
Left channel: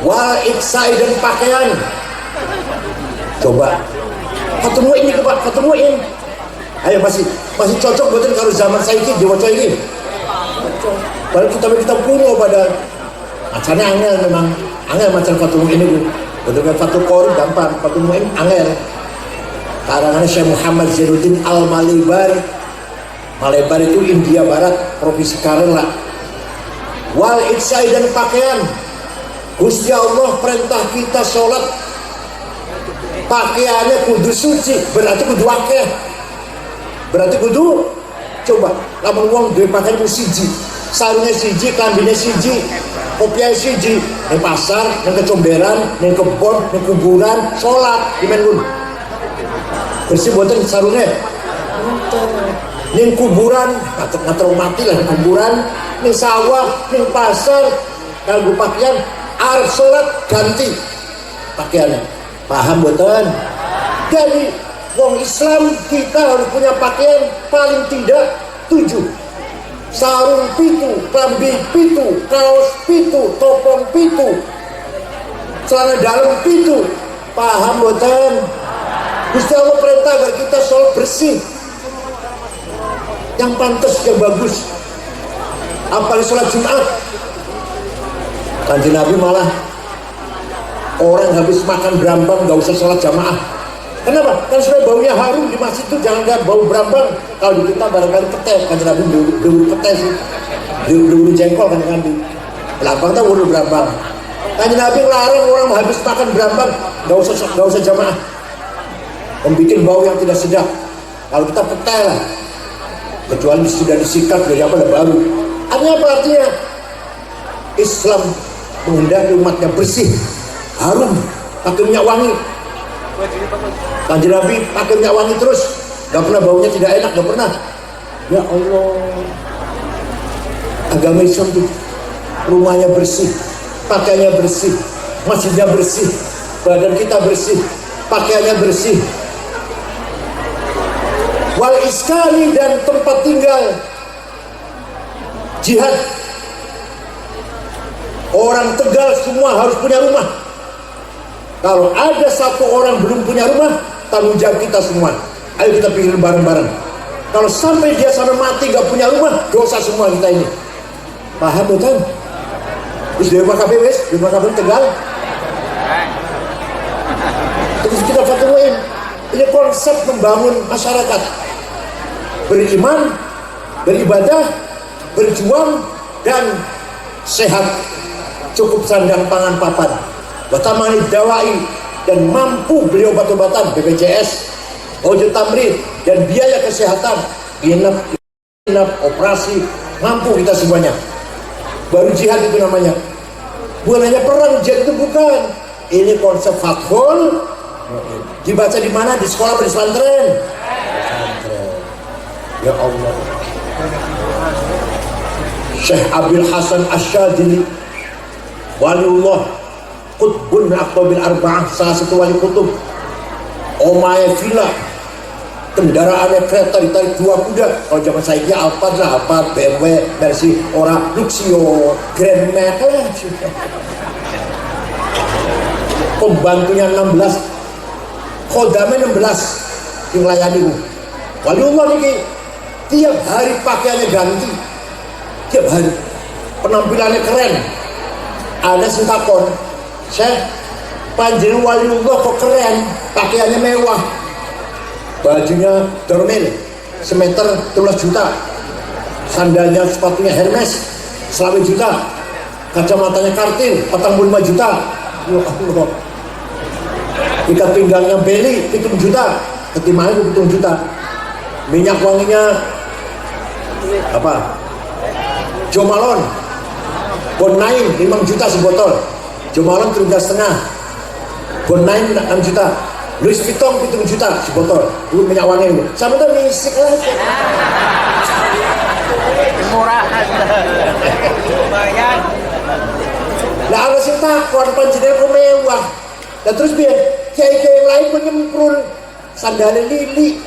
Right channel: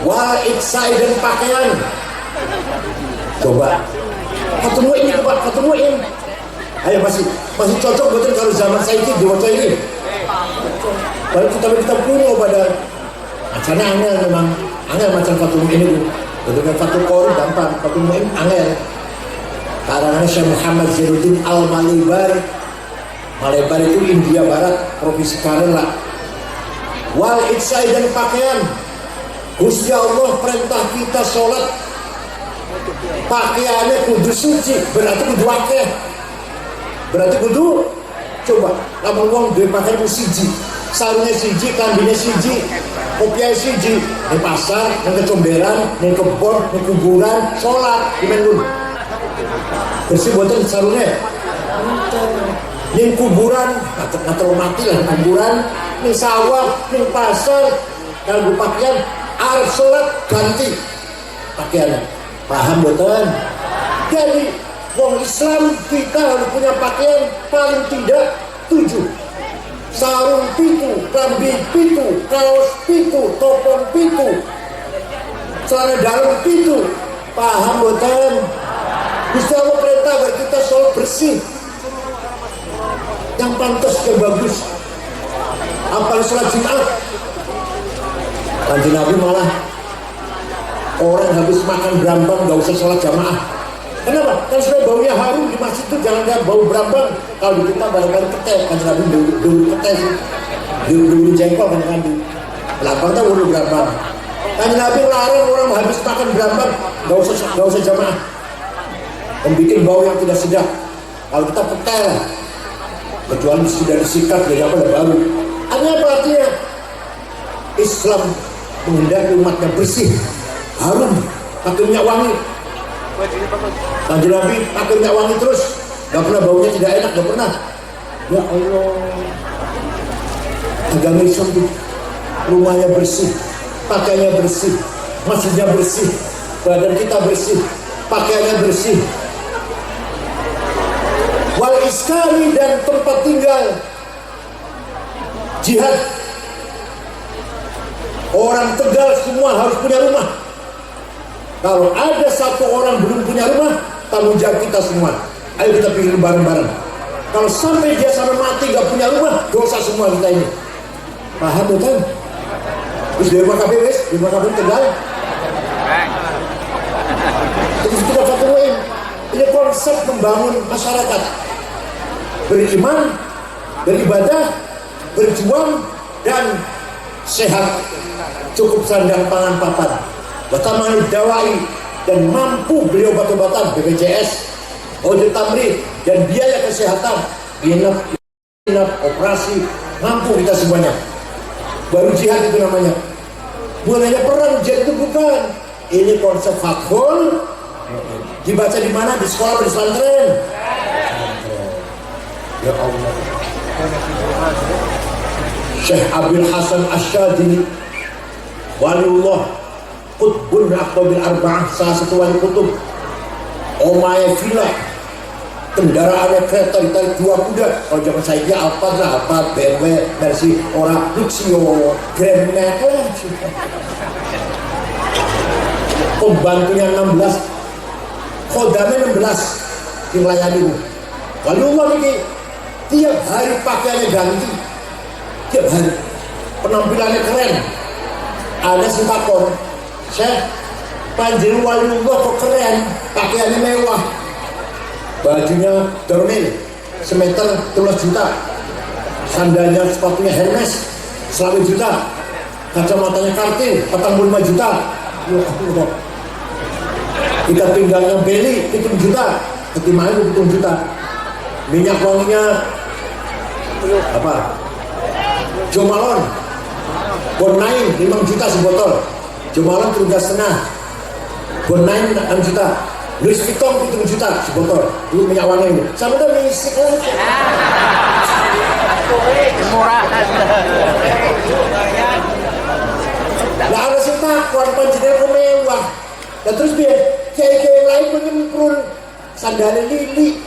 Wal iksai dan pakaian. Coba ketemuin ini, Pak, ketemuin. Ayo masih cocok boten kalau zaman saya ini diwaca ini. Baru kita kuno pada macamnya angel, memang angel macam ketemu ini Bu. Dengan satu kori gampang, ketemu ini angel. Karangan Syekh Muhammad Zainuddin Al-Malebar. Malebar itu India Barat, provinsi Kerala. Wal iksai dan pakaian. Gusti Allah perintah kita sholat, pakaiannya kudu suci, berarti kudu akeh. Berarti kudu, coba lamun wong duwe pakaian ku siji, sarungnya siji, kambingnya siji, kopiah siji, di pasar, di kecomberan, di kebon, di kuburan, sholat di menun. Bersih boten sarungnya. Ning kuburan, ngatur mati lah kuburan, ning sawah, ning pasar, kalau pakaian, arep sholat ganti pakaiannya. Paham boten? Jadi wong Islam kita harus punya pakaian paling tidak 7. Sarung 7, klambi 7, kaos 7, topong 7, celana dalam 7. Paham boten? Gusti Allah perintah agar kita sholat bersih, yang pantas, yang bagus. Apalagi sholat Jumat, Kanjeng Nabi malah orang habis makan berambang gak usah sholat jamaah. Kenapa? Kan sudah baunya harum di masjid itu, jangan bau berambang. Kalau di kita barangkali ketes, Kanjeng Nabi dulu ketes, dulu jengkol Kanjeng Nabi. Belakang kita dulu berambang. Kanjeng Nabi larang orang habis makan berambang gak usah jamaah. Membikin bau yang tidak sedap. Kalau kita petai lah, kecuali sudah disikat dari apa dan baru. Artinya Islam menghendaki umatnya bersih, harum, pakai minyak wangi. Kanjeng Nabi pakai minyak wangi terus, gak pernah baunya tidak enak, gak pernah. Ya Allah, agama Islam itu rumahnya bersih, pakaiannya bersih, masjidnya bersih, badan kita bersih, pakaiannya bersih. Wal iskani dan tempat tinggal, jihad. Orang Tegal semua harus punya rumah. Kalau ada satu orang belum punya rumah, tanggung jawab kita semua. Ayo kita pilih bareng-bareng. Kalau sampai dia sampai mati gak punya rumah, dosa semua kita ini. Paham bukan? Terus di rumah KPWS, di rumah KPWS Tegal. Terus kita ketemuin. Ini konsep membangun masyarakat. Beriman, beribadah, berjuang, dan sehat. Cukup sandang pangan papan, batamani dawai, dan mampu beli obat-obatan BPJS, ojek tamrid, dan biaya kesehatan, inap, operasi, mampu kita semuanya. Baru jihad itu namanya. Bukan hanya perang, jihad itu bukan. Ini konsep fathul. Dibaca di mana? Di sekolah, di pesantren. Ya Allah. Syekh Abdul Hasan Asyadili, waliullah, Qutbun Aqtabil Arba'ah, salah satu wali kutub. Omae villa, kendaraannya kereta ditarik 2 kuda. Kalau zaman saya Alfa lah, apa BMW, Mercy, orang Luxio, Grand Max. Pembantunya 16, khodamnya 16 yang layani. waliullah ini tiap hari pakaiannya ganti, tiap hari penampilannya keren. Ada sentakon, Syekh, panjenengan waliullah kok keren, pakaiannya mewah, bajunya dormil semeter 12 juta, sandalnya sepatunya Hermes 1 juta, kacamatanya Kartin 45 juta, ya Allah. Ikat pinggangnya Beli 7 juta, ketimanya 7 juta, minyak wanginya apa? Jo Malone, Bon 9 5 juta sebotol, Jo Malone 3,5, Bon 9 6 juta, Louis Vuitton 7 juta sebotol, itu minyak wangi itu, sama udah misik lah. Murahan. Nah ada sih takwan panjenengan mewah, dan terus biar kiai-kiai yang lain menyemprul sandalnya Lili,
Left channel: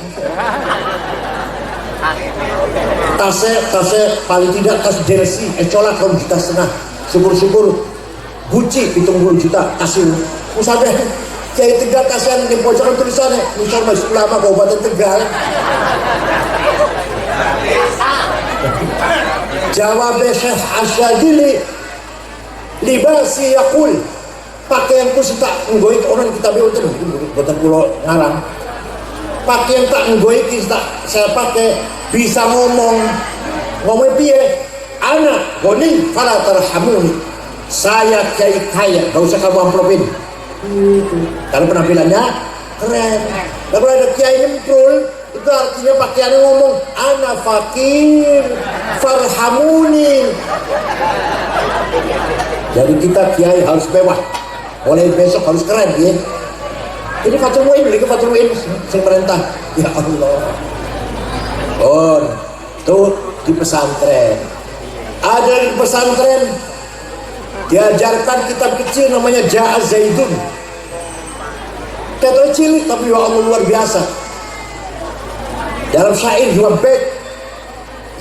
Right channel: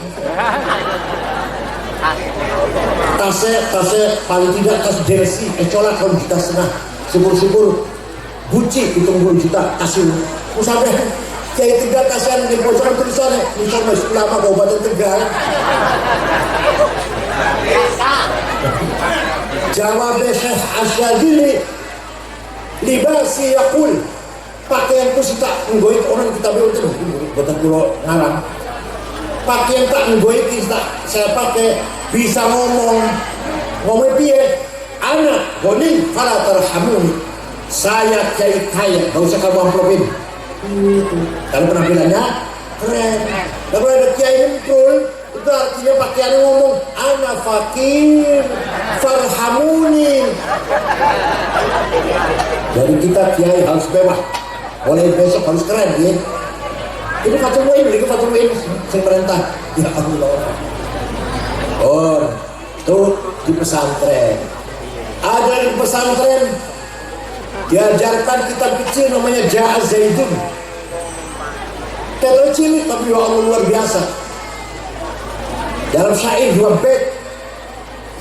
tasnya paling tidak tas jersey colak 2,5 juta, syukur-syukur Gucci 70 juta kasih. Usahanya kiai Tegal kasihan di pojokan tulisannya Misal Masjid Ulama Kabupaten Tegal. Jawab Syekh Asyadili libasi yakul, pakaianku sih tak nggoik orang kita betul betul pulau ngarang. Pakaian tak nggoik tak saya pakai bisa ngomong piye, anak goni fala tarhamuni, saya kiai kaya, gak usah kamu amplopin. Kalau penampilannya keren, kalau ada kiai nyemprul itu artinya pakaiannya ngomong anak fakir farhamuni. Jadi kita kiai harus mewah, mulai besok harus keren ya. Ini Fatul Muin, ini Fatul Muin yang perintah. Ya Allah. Oh, tuh di pesantren. Ada di pesantren diajarkan kitab kecil namanya Ja'a Zaidun. Kitab kecil tapi ya Allah luar biasa. Dalam syair 2 bait,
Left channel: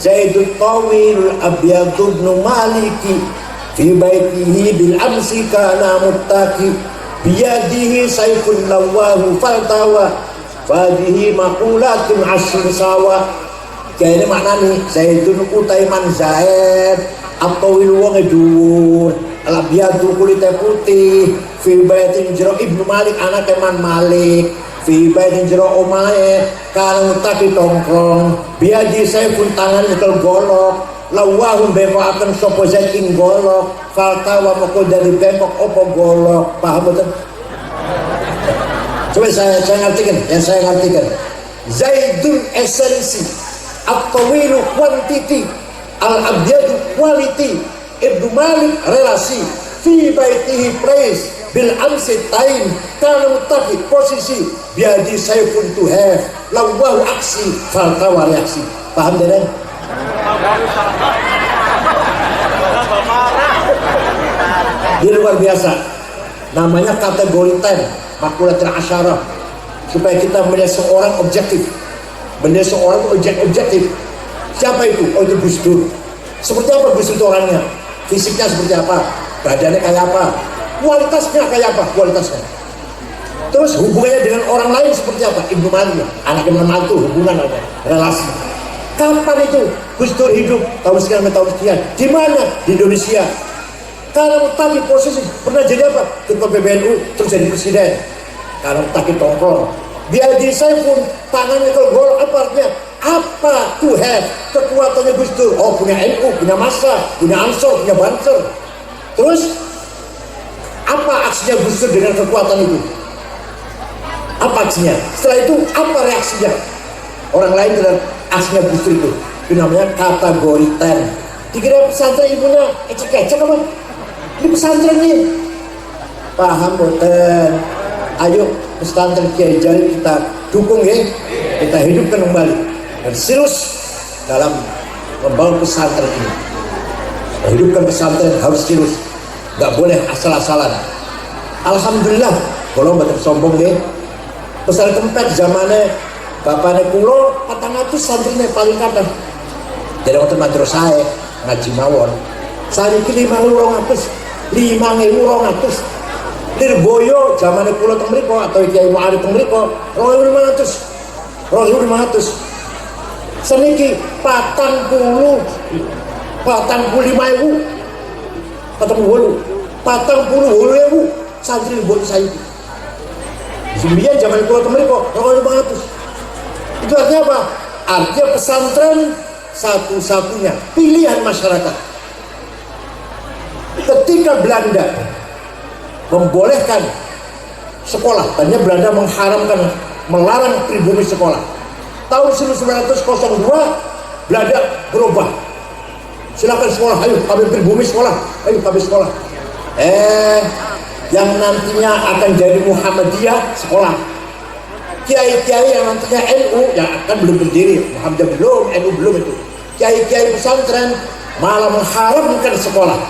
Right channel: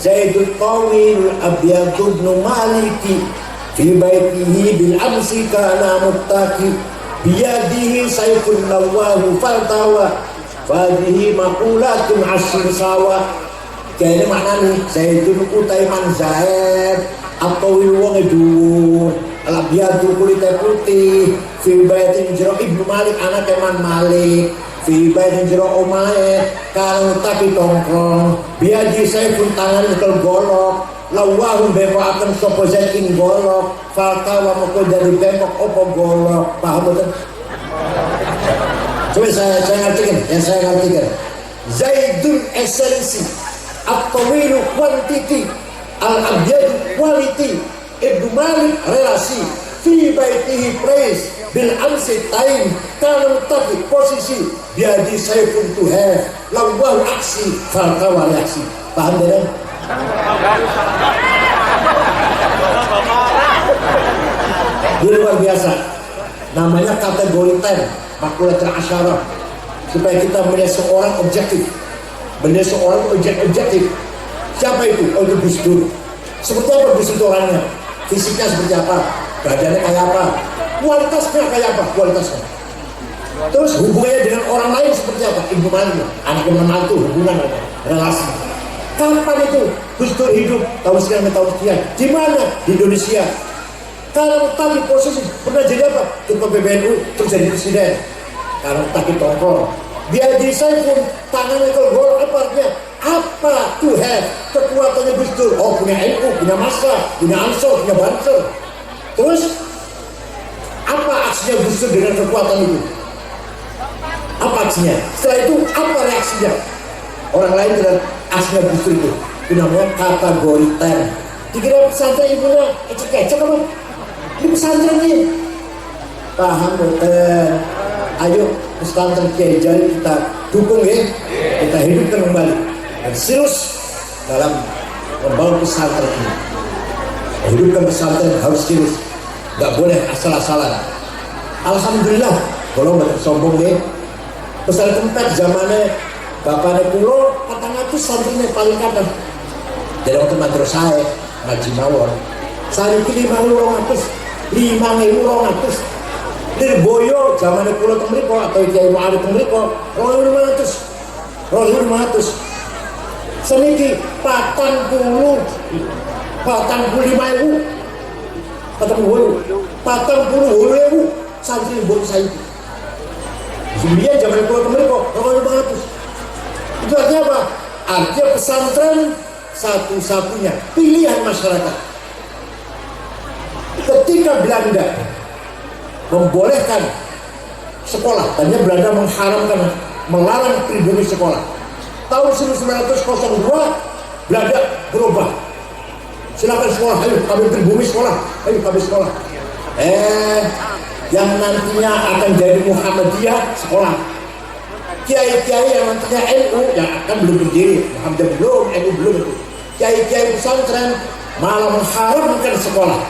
Zaidul Tawil Abyadu ibn Maliki fi baitihi bil amsi kana muttaqi biyadihi sayful lawahu faltawa fadihi maqulatun asr sawa. Kayaknya maknanya Zaidun utaiman Zaid atau wong dhuwur al-abyadu kulite putih fi baitin jero Ibnu Malik anak Iman Malik fi baitin jero omahe kang tapi tongkrong biaji sayfun tangan nyekel golok lawahum bepokaken sapa Zaid ing golok faltawa moko dari bepok opo golok. Paham betul? Coba saya ngartikan, yang saya ngartikan Zaidun esensi, at-tawilu quantity, al-abyadu quality, Ibnu Malik relasi, fi baitihi place, bil amsi time, kalau tapi posisi biadi sayfun to have, lawahu aksi faltawa reaksi. Paham tidak? Ini luar biasa, namanya kategori 10 makulatul asyarah, supaya kita melihat seorang objektif, melihat seorang objektif. Siapa itu? Oh itu Gus Dur. Seperti apa Gus Dur orangnya? Fisiknya seperti apa? Badannya kayak apa? Kualitasnya kayak apa? Kualitasnya. Terus hubungannya dengan orang lain seperti apa? Ibnu Malik, anak Imam Malik itu hubungan apa? Relasi. Kapan itu Gus Dur hidup? Tahun sekian, tahun sekian. Di mana? Di Indonesia. Kalau tadi posisi pernah jadi apa? Ketua PBNU terus jadi presiden. Kalau tadi tongkrong, dia di saya pun tangannya ke gol apa artinya? Apa to have kekuatannya Gus Dur? Oh punya NU, punya massa, punya Ansor, punya Banser. Terus apa aksinya Gus Dur dengan kekuatan itu? Apa aksinya? Setelah itu apa reaksinya orang lain dengan aksinya Gus Dur itu? Itu namanya kategori 10. Dikira pesantren ibunya ecek-ecek apa? Ini pesantren nih. Paham betul. Ayo pesantren Kiai Jalil kita dukung ya. Kita hidupkan kembali dan serius dalam membangun pesantren ini. Hidupkan pesantren harus serius, nggak boleh asal-asalan. Alhamdulillah, kalau nggak sombong deh. Pesantren Kempet zamannya bapaknya kulo 400 santrinya paling kadang. Jadi waktu madrasah ngaji mawon. Saya pilih 5.200 Lirboyo zaman kulo teng mriko atau Kiai Mu'arif teng mriko 2.500 Seniki 40 45.000 40.000 santri buat saya itu. Sebenarnya zaman pulau kemarin kok kalau 500. Itu artinya apa? Artinya pesantren satu-satunya pilihan masyarakat. Ketika Belanda membolehkan sekolah, tadinya Belanda melarang pribumi sekolah. Tahun 1902 Belanda berubah. Silakan sekolah, ayo kami pribumi sekolah, ayo kami sekolah. Yang nantinya akan jadi Muhammadiyah sekolah. Kiai-kiai yang nantinya NU yang akan belum berdiri, Muhammadiyah belum, NU belum itu. Kiai-kiai pesantren malah mengharamkan sekolah.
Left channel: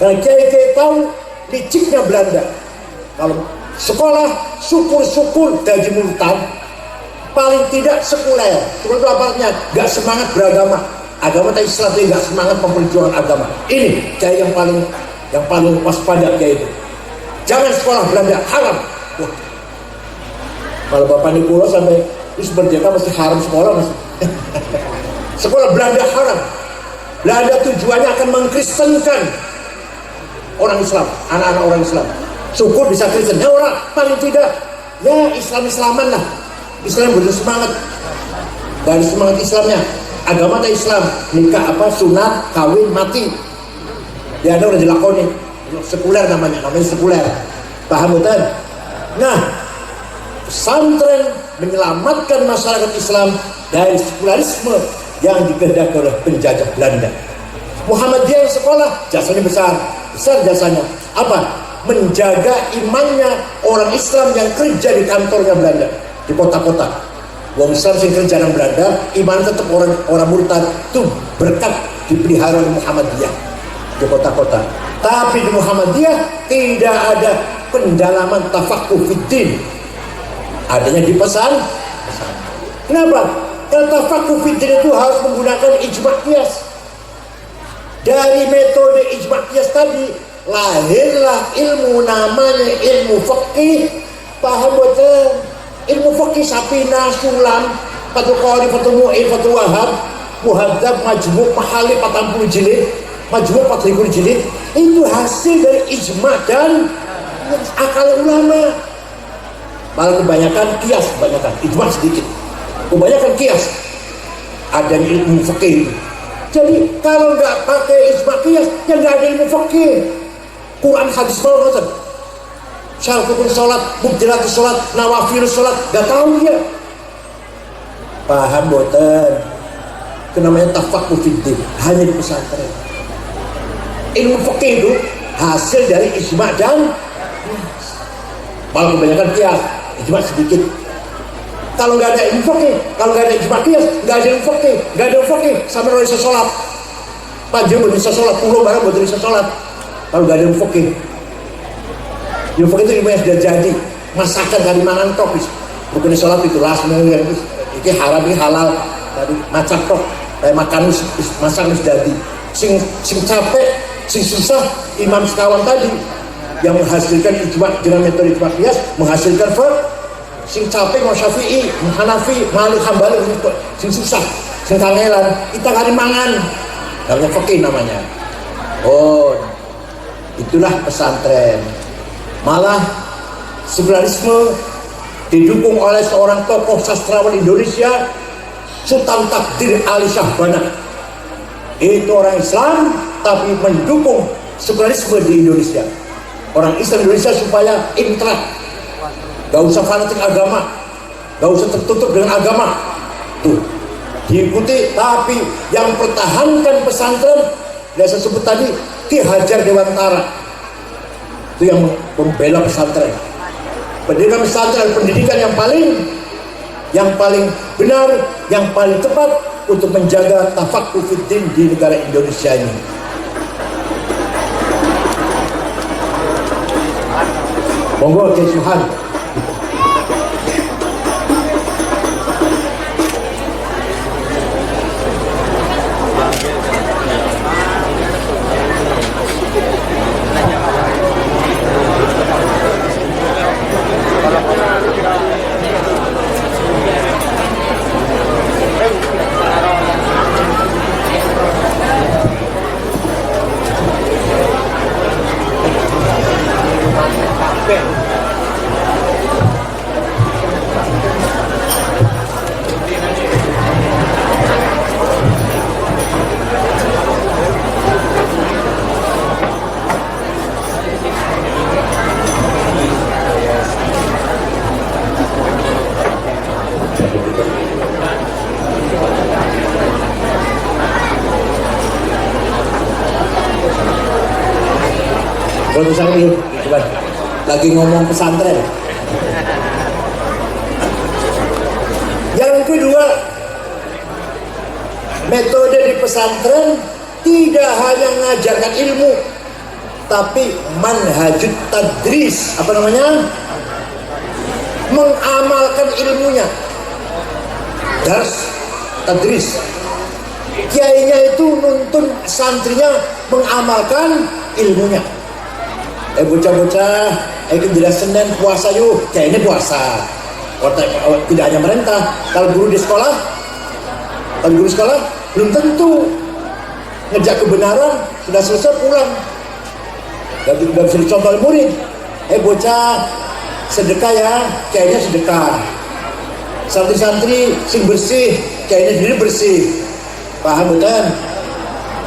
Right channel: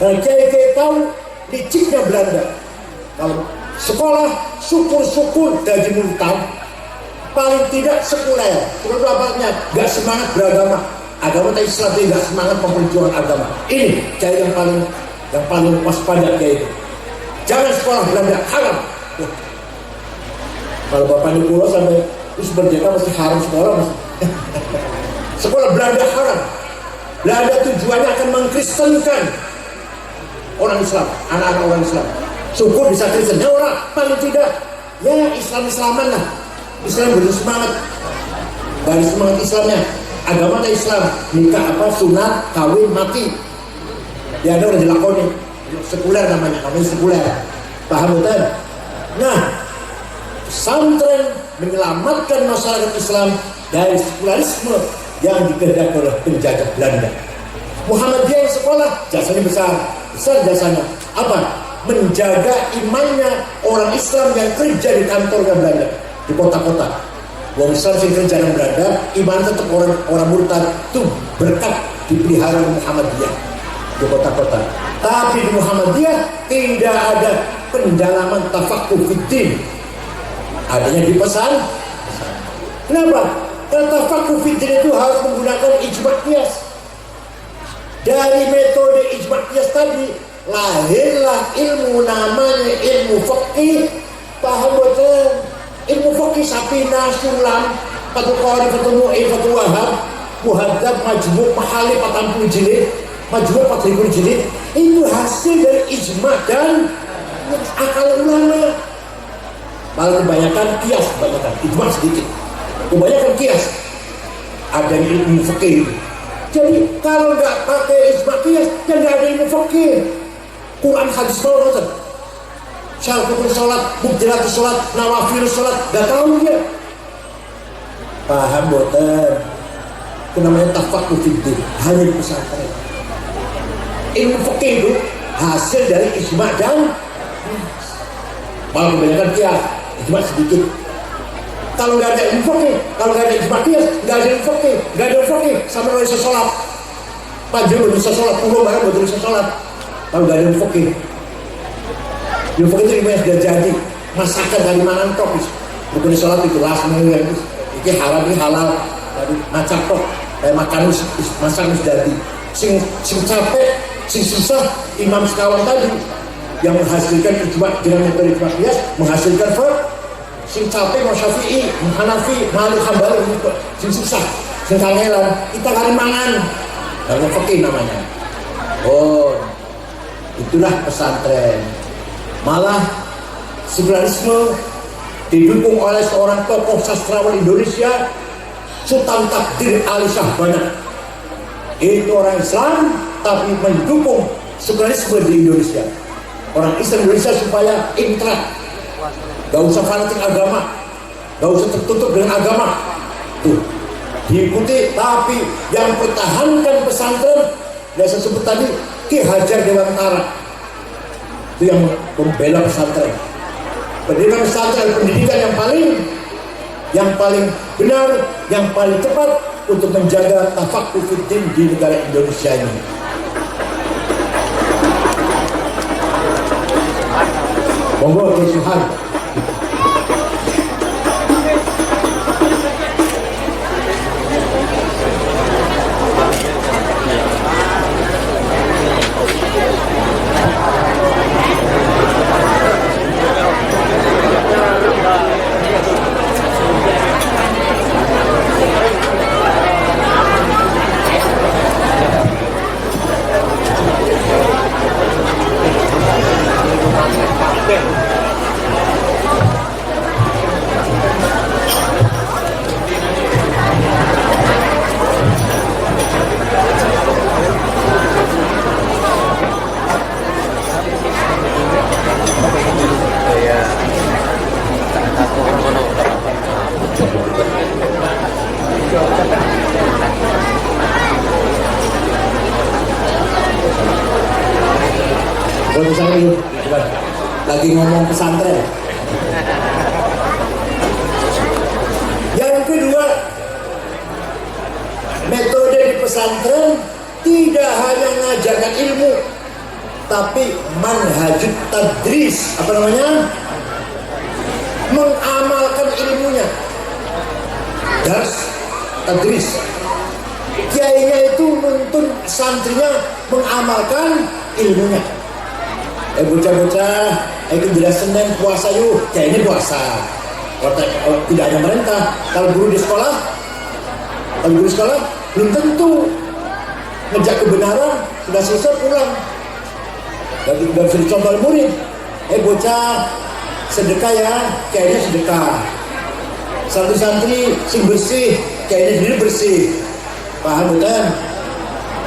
Dan kiai-kiai tahu liciknya Belanda. Kalau sekolah syukur-syukur gaji murtad, paling tidak sekuler. Sekuler itu apa artinya? Gak semangat beragama. Agama Islam itu gak semangat memperjuangkan agama. Ini kiai yang paling waspada kiai itu. Jangan sekolah Belanda, haram. Kalau Bapak Nikulo sampai merdeka masih haram sekolah masih. Sekolah Belanda haram. Belanda tujuannya akan mengkristenkan orang Islam, anak-anak orang Islam. Syukur bisa Kristen, ya orang paling tidak ya Islam-Islaman lah. Islam betul semangat. Dari semangat Islamnya, agama Islam, nikah apa sunat, kawin, mati. Ya ada udah dilakoni. Sekuler namanya sekuler. Paham betul? Nah, pesantren menyelamatkan masyarakat Islam dari sekularisme yang dikehendaki oleh penjajah Belanda. Muhammadiyah sekolah jasanya besar jasanya. Apa? Menjaga imannya orang Islam yang kerja di kantornya Belanda di kota-kota. Wong Islam yang kerja di Belanda, iman tetap orang murtad itu berkat dipelihara Muhammadiyah di kota-kota. Tapi di Muhammadiyah tidak ada pendalaman tafaqquh fiddin. Adanya di pesan. Kenapa? Karena tafaqquh fiddin itu harus menggunakan ijma' qiyas. Dari metode ijma' qiyas tadi lahirlah ilmu namanya ilmu fiqih. Paham betul? Ilmu fiqih Sapina, Sulam, Fathul Qari, Fathul Mu'in, Fathul Wahab, Muhadzab, Majmu', Mahali 40 jilid, Majmu' 40 jilid. Itu hasil dari ijma' dan akal ulama. Malah kebanyakan kias, ijma' sedikit. Kebanyakan kias. Adanya ilmu fikih. Jadi kalau nggak pakai ijma' kias, ya nggak ada ilmu fikih. Quran hadis bawah syartul sholat, mubdilatus sholat, nawafilus sholat, nggak tahu dia. Paham boten? Itu namanya tafaqquh fiddin, hanya di pesantren. Ilmu fikih itu hasil dari ijma' dan malah kebanyakan kias, ijma' sedikit. Kalau nggak ada ilmu fikih, kalau nggak ada ijma' kias, nggak ada ilmu fikih, nggak ada ilmu fikih, sama orang bisa sholat. Panjang belum bisa sholat, pulau barang belum bisa sholat. Kalau nggak ada ilmu fikih, ilmu fikih itu ilmu yang sudah jadi, masakan dari mana tok, bukan sholat itu lah sebenarnya. Ini haram, ini halal, dari macam tok, kayak makan masak sudah jadi. Sing capek, sing susah, Imam sekawan tadi yang menghasilkan ijma' dengan metode ijma' qiyas menghasilkan sing capek mau Syafi'i, Hanafi, Malik, Hambali, sing susah, sing kangelan, kita kali mangan, namanya fikih namanya. Oh, itulah pesantren. Malah sekularisme didukung oleh seorang tokoh sastrawan Indonesia, Sultan Takdir Ali Syahbana. Itu orang Islam tapi mendukung sekularisme di Indonesia. Orang Islam Indonesia supaya intrag, gak usah fanatik agama, gak usah tertutup dengan agama. Tuh diikuti, tapi yang pertahankan pesantren, yang saya sebut tadi, Ki Hajar Dewantara, itu yang membela pesantren. Pendidikan pesantren, pendidikan yang paling benar, yang paling tepat untuk menjaga tafaqquh fiddin di negara Indonesia ini. Monggo Tuhan. Buat misalnya dulu, bukan lagi ngomong pesantren. Yang kedua, metode di pesantren tidak hanya mengajarkan ilmu, tapi manhajut tadris, apa namanya? Mengamalkan ilmunya. Dars, tadris. Kiainya itu nuntun santrinya mengamalkan ilmunya. Bocah-bocah, jelas Senin puasa yuk, kiainya puasa. Tidak hanya merintah. Kalau guru di sekolah, belum tentu ngejak kebenaran, sudah selesai pulang. Dan bisa dicontoh oleh murid. Bocah, sedekah ya, kiainya sedekah. Santri-santri sing bersih, kiainya sendiri bersih. Paham betul?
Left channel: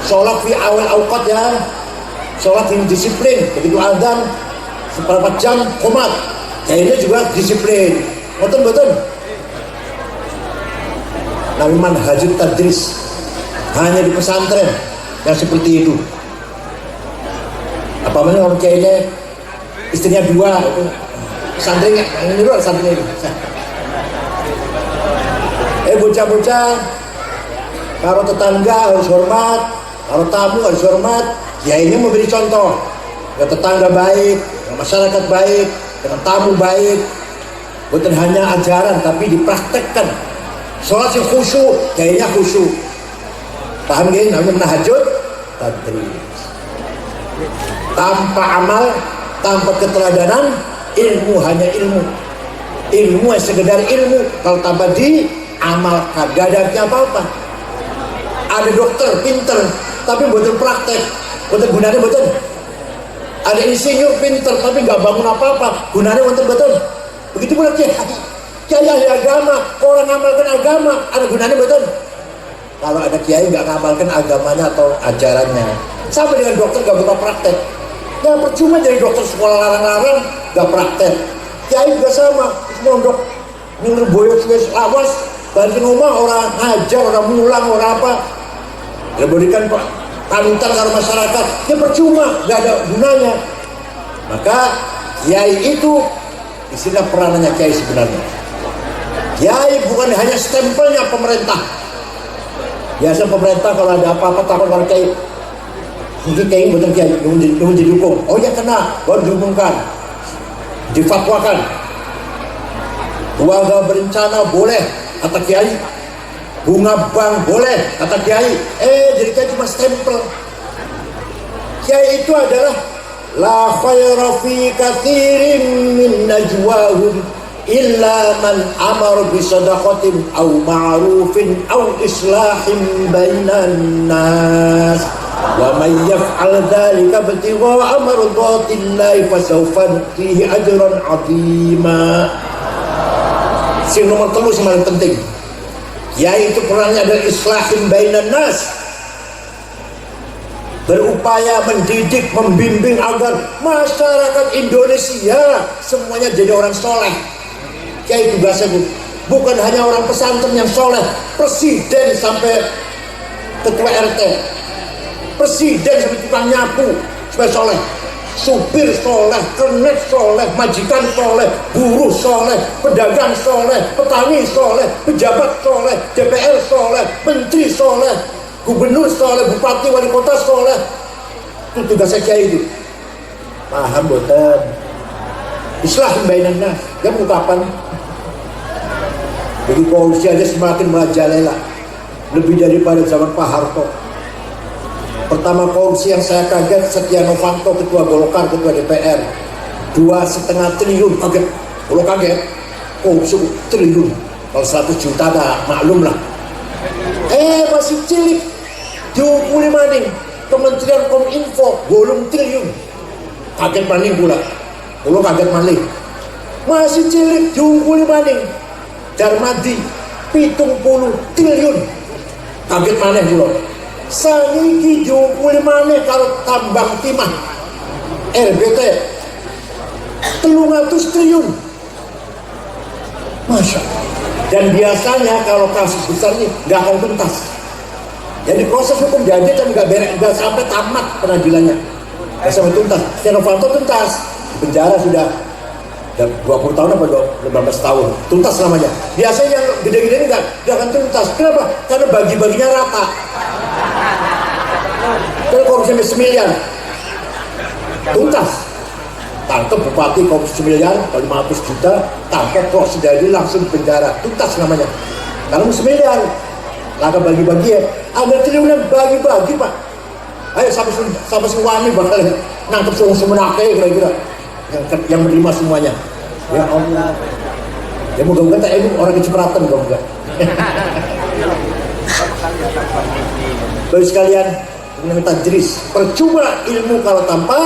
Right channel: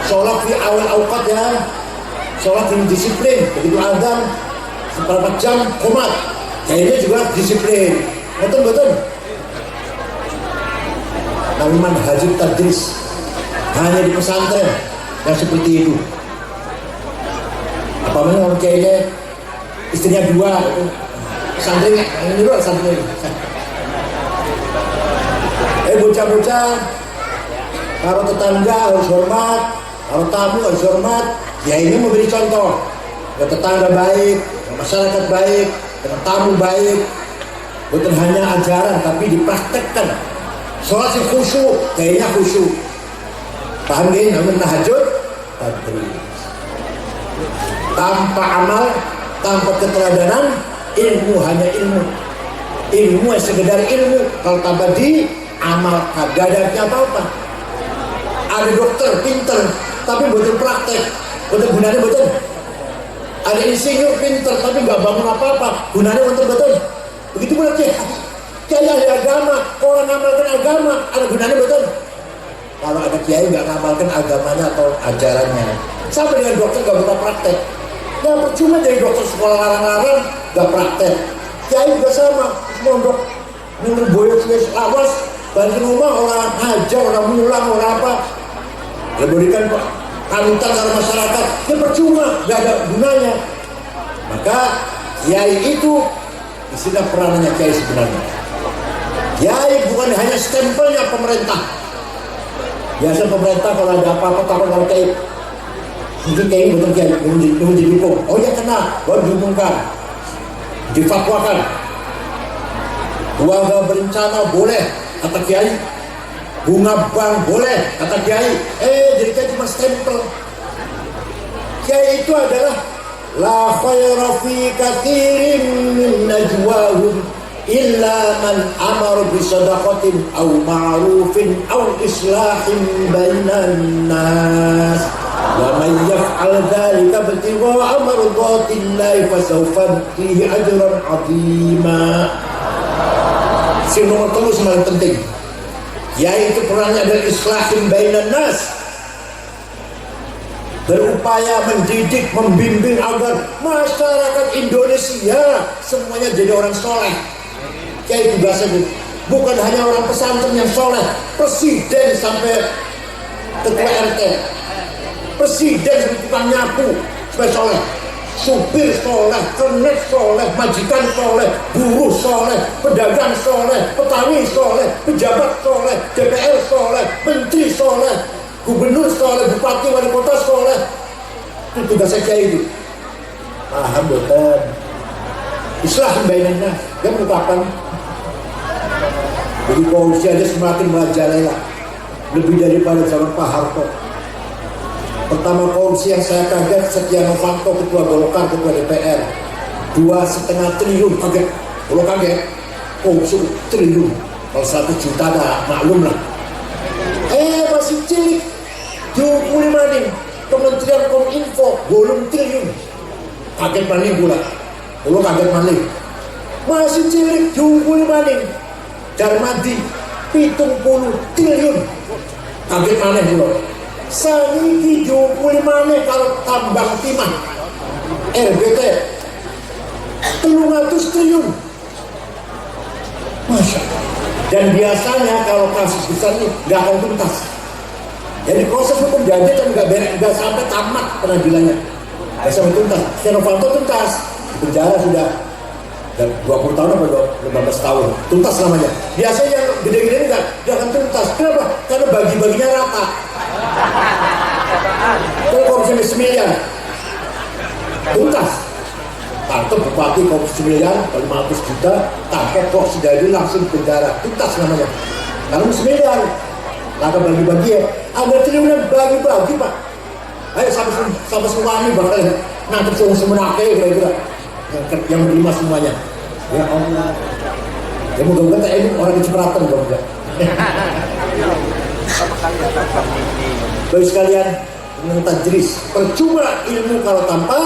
Sholat di awal awqat ya, sholat yang disiplin. Begitu azan seberapa jam komat, kiainya juga disiplin. Betul. Namun manhajut tadris hanya di pesantren yang seperti itu. Apalagi orang kiainya istrinya 2, santrinya ini dua santrinya. Bocah-bocah, kalau tetangga harus hormat, kalau tamu harus hormat. Ya ini memberi contoh. Ya tetangga baik, masyarakat baik, dengan tamu baik. Bukan hanya ajaran, tapi dipraktekkan. Sholat yang khusyuk, kayaknya khusyuk. Paham gak? Namanya tahajud, tadris. Tanpa amal, tanpa keteladanan, ilmu hanya ilmu. Ilmu yang sekedar ilmu. Kalau tanpa amal kagak ada apa-apa. Ada dokter pinter tapi betul praktek, betul gunanya betul. Ada insinyur pinter tapi nggak bangun apa-apa, gunanya betul. Begitu pula kiai ahli agama, orang ngamalkan agama, ada gunanya betul. Kalau ada kiai nggak ngamalkan agamanya atau ajarannya, sama dengan dokter nggak buka praktek. Ya percuma jadi dokter sekolah larang-larang nggak praktek. Kiai juga sama, mondok nyuruh boyot awas. Balik rumah orang ajar, orang mulang, orang apa. Ya berikan panutan ke masyarakat. Ya percuma, gak ada gunanya. Maka kiai itu istilah peranannya kiai sebenarnya. Kiai bukan hanya stempelnya pemerintah. Biasa pemerintah kalau ada apa-apa takut kalau kiai. Mungkin kiai betul kiai yang didukung. Oh ya kena, baru diumumkan, difatwakan. Keluarga berencana boleh, kata kiai. Bunga bank boleh, kata kiai. Jadi kiai cuma stempel. Kiai itu adalah la khayra fi katsirin min najwahum illa man amara bi sadaqatin aw ma'rufin aw islahin bainan nas wa man yaf'al dhalika ibtigha'a mardatillahi fasawfa nutihi ajran 'azima. Sing nomor 3 paling penting, yaitu perannya adalah islahin bainan nas, berupaya mendidik, membimbing agar masyarakat Indonesia semuanya jadi orang soleh. Kiai tugasnya bukan hanya orang pesantren yang soleh, presiden sampai ketua RT, presiden sampai tukang nyapu supaya soleh. Supir soleh, kernet soleh, majikan soleh, buruh soleh, pedagang soleh, petani soleh, pejabat soleh, DPR soleh, menteri soleh, gubernur soleh, bupati, wali kota soleh. Itu tugasnya kiai itu. Paham betul? Islah bainan nas. Dia kapan? Jadi korupsi aja semakin merajalela, lebih daripada zaman Pak Harto. Pertama korupsi yang saya kaget, Setia Novanto, ketua Golkar, ketua DPR, 2,5 triliun, kaget. Kalau kaget, korupsi triliun, kalau 100 juta dah maklum lah. Masih cilik, 25 nih, Kementerian Kominfo, golong triliun, kaget maling pula. Kalau kaget maling, masih cilik, 25 nih, Darmadi, 70 triliun, kaget maling pula. Saniki 25 nih kalau tambang timah RBT 300 triliun. Masya Allah. Dan biasanya kalau kasus besar ini nggak akan tuntas. Jadi proses hukum janji kan nggak sampai tamat pengadilannya. Sampai tuntas. Setia Novanto tuntas, di penjara sudah 20 tahun apa 15 tahun, tuntas namanya. Biasanya yang gede-gede ini nggak akan tuntas. Kenapa? Karena bagi-baginya rata. Kalau korupsi 1 miliar, tuntas. Tangkap bupati korupsi 1 miliar, 500 juta, tangkap kok sudah ini langsung penjara, tuntas namanya. Karena 1 miliar, laka bagi-bagi ya. Ada triliunan bagi-bagi pak. Ayo sampai semuanya bakal nangkep semua kira-kira. Yang menerima semuanya. Ya Allah. Ya moga-moga tak ini orang kecipratan moga. Bapak sekalian, tajris, percuma ilmu kalau tanpa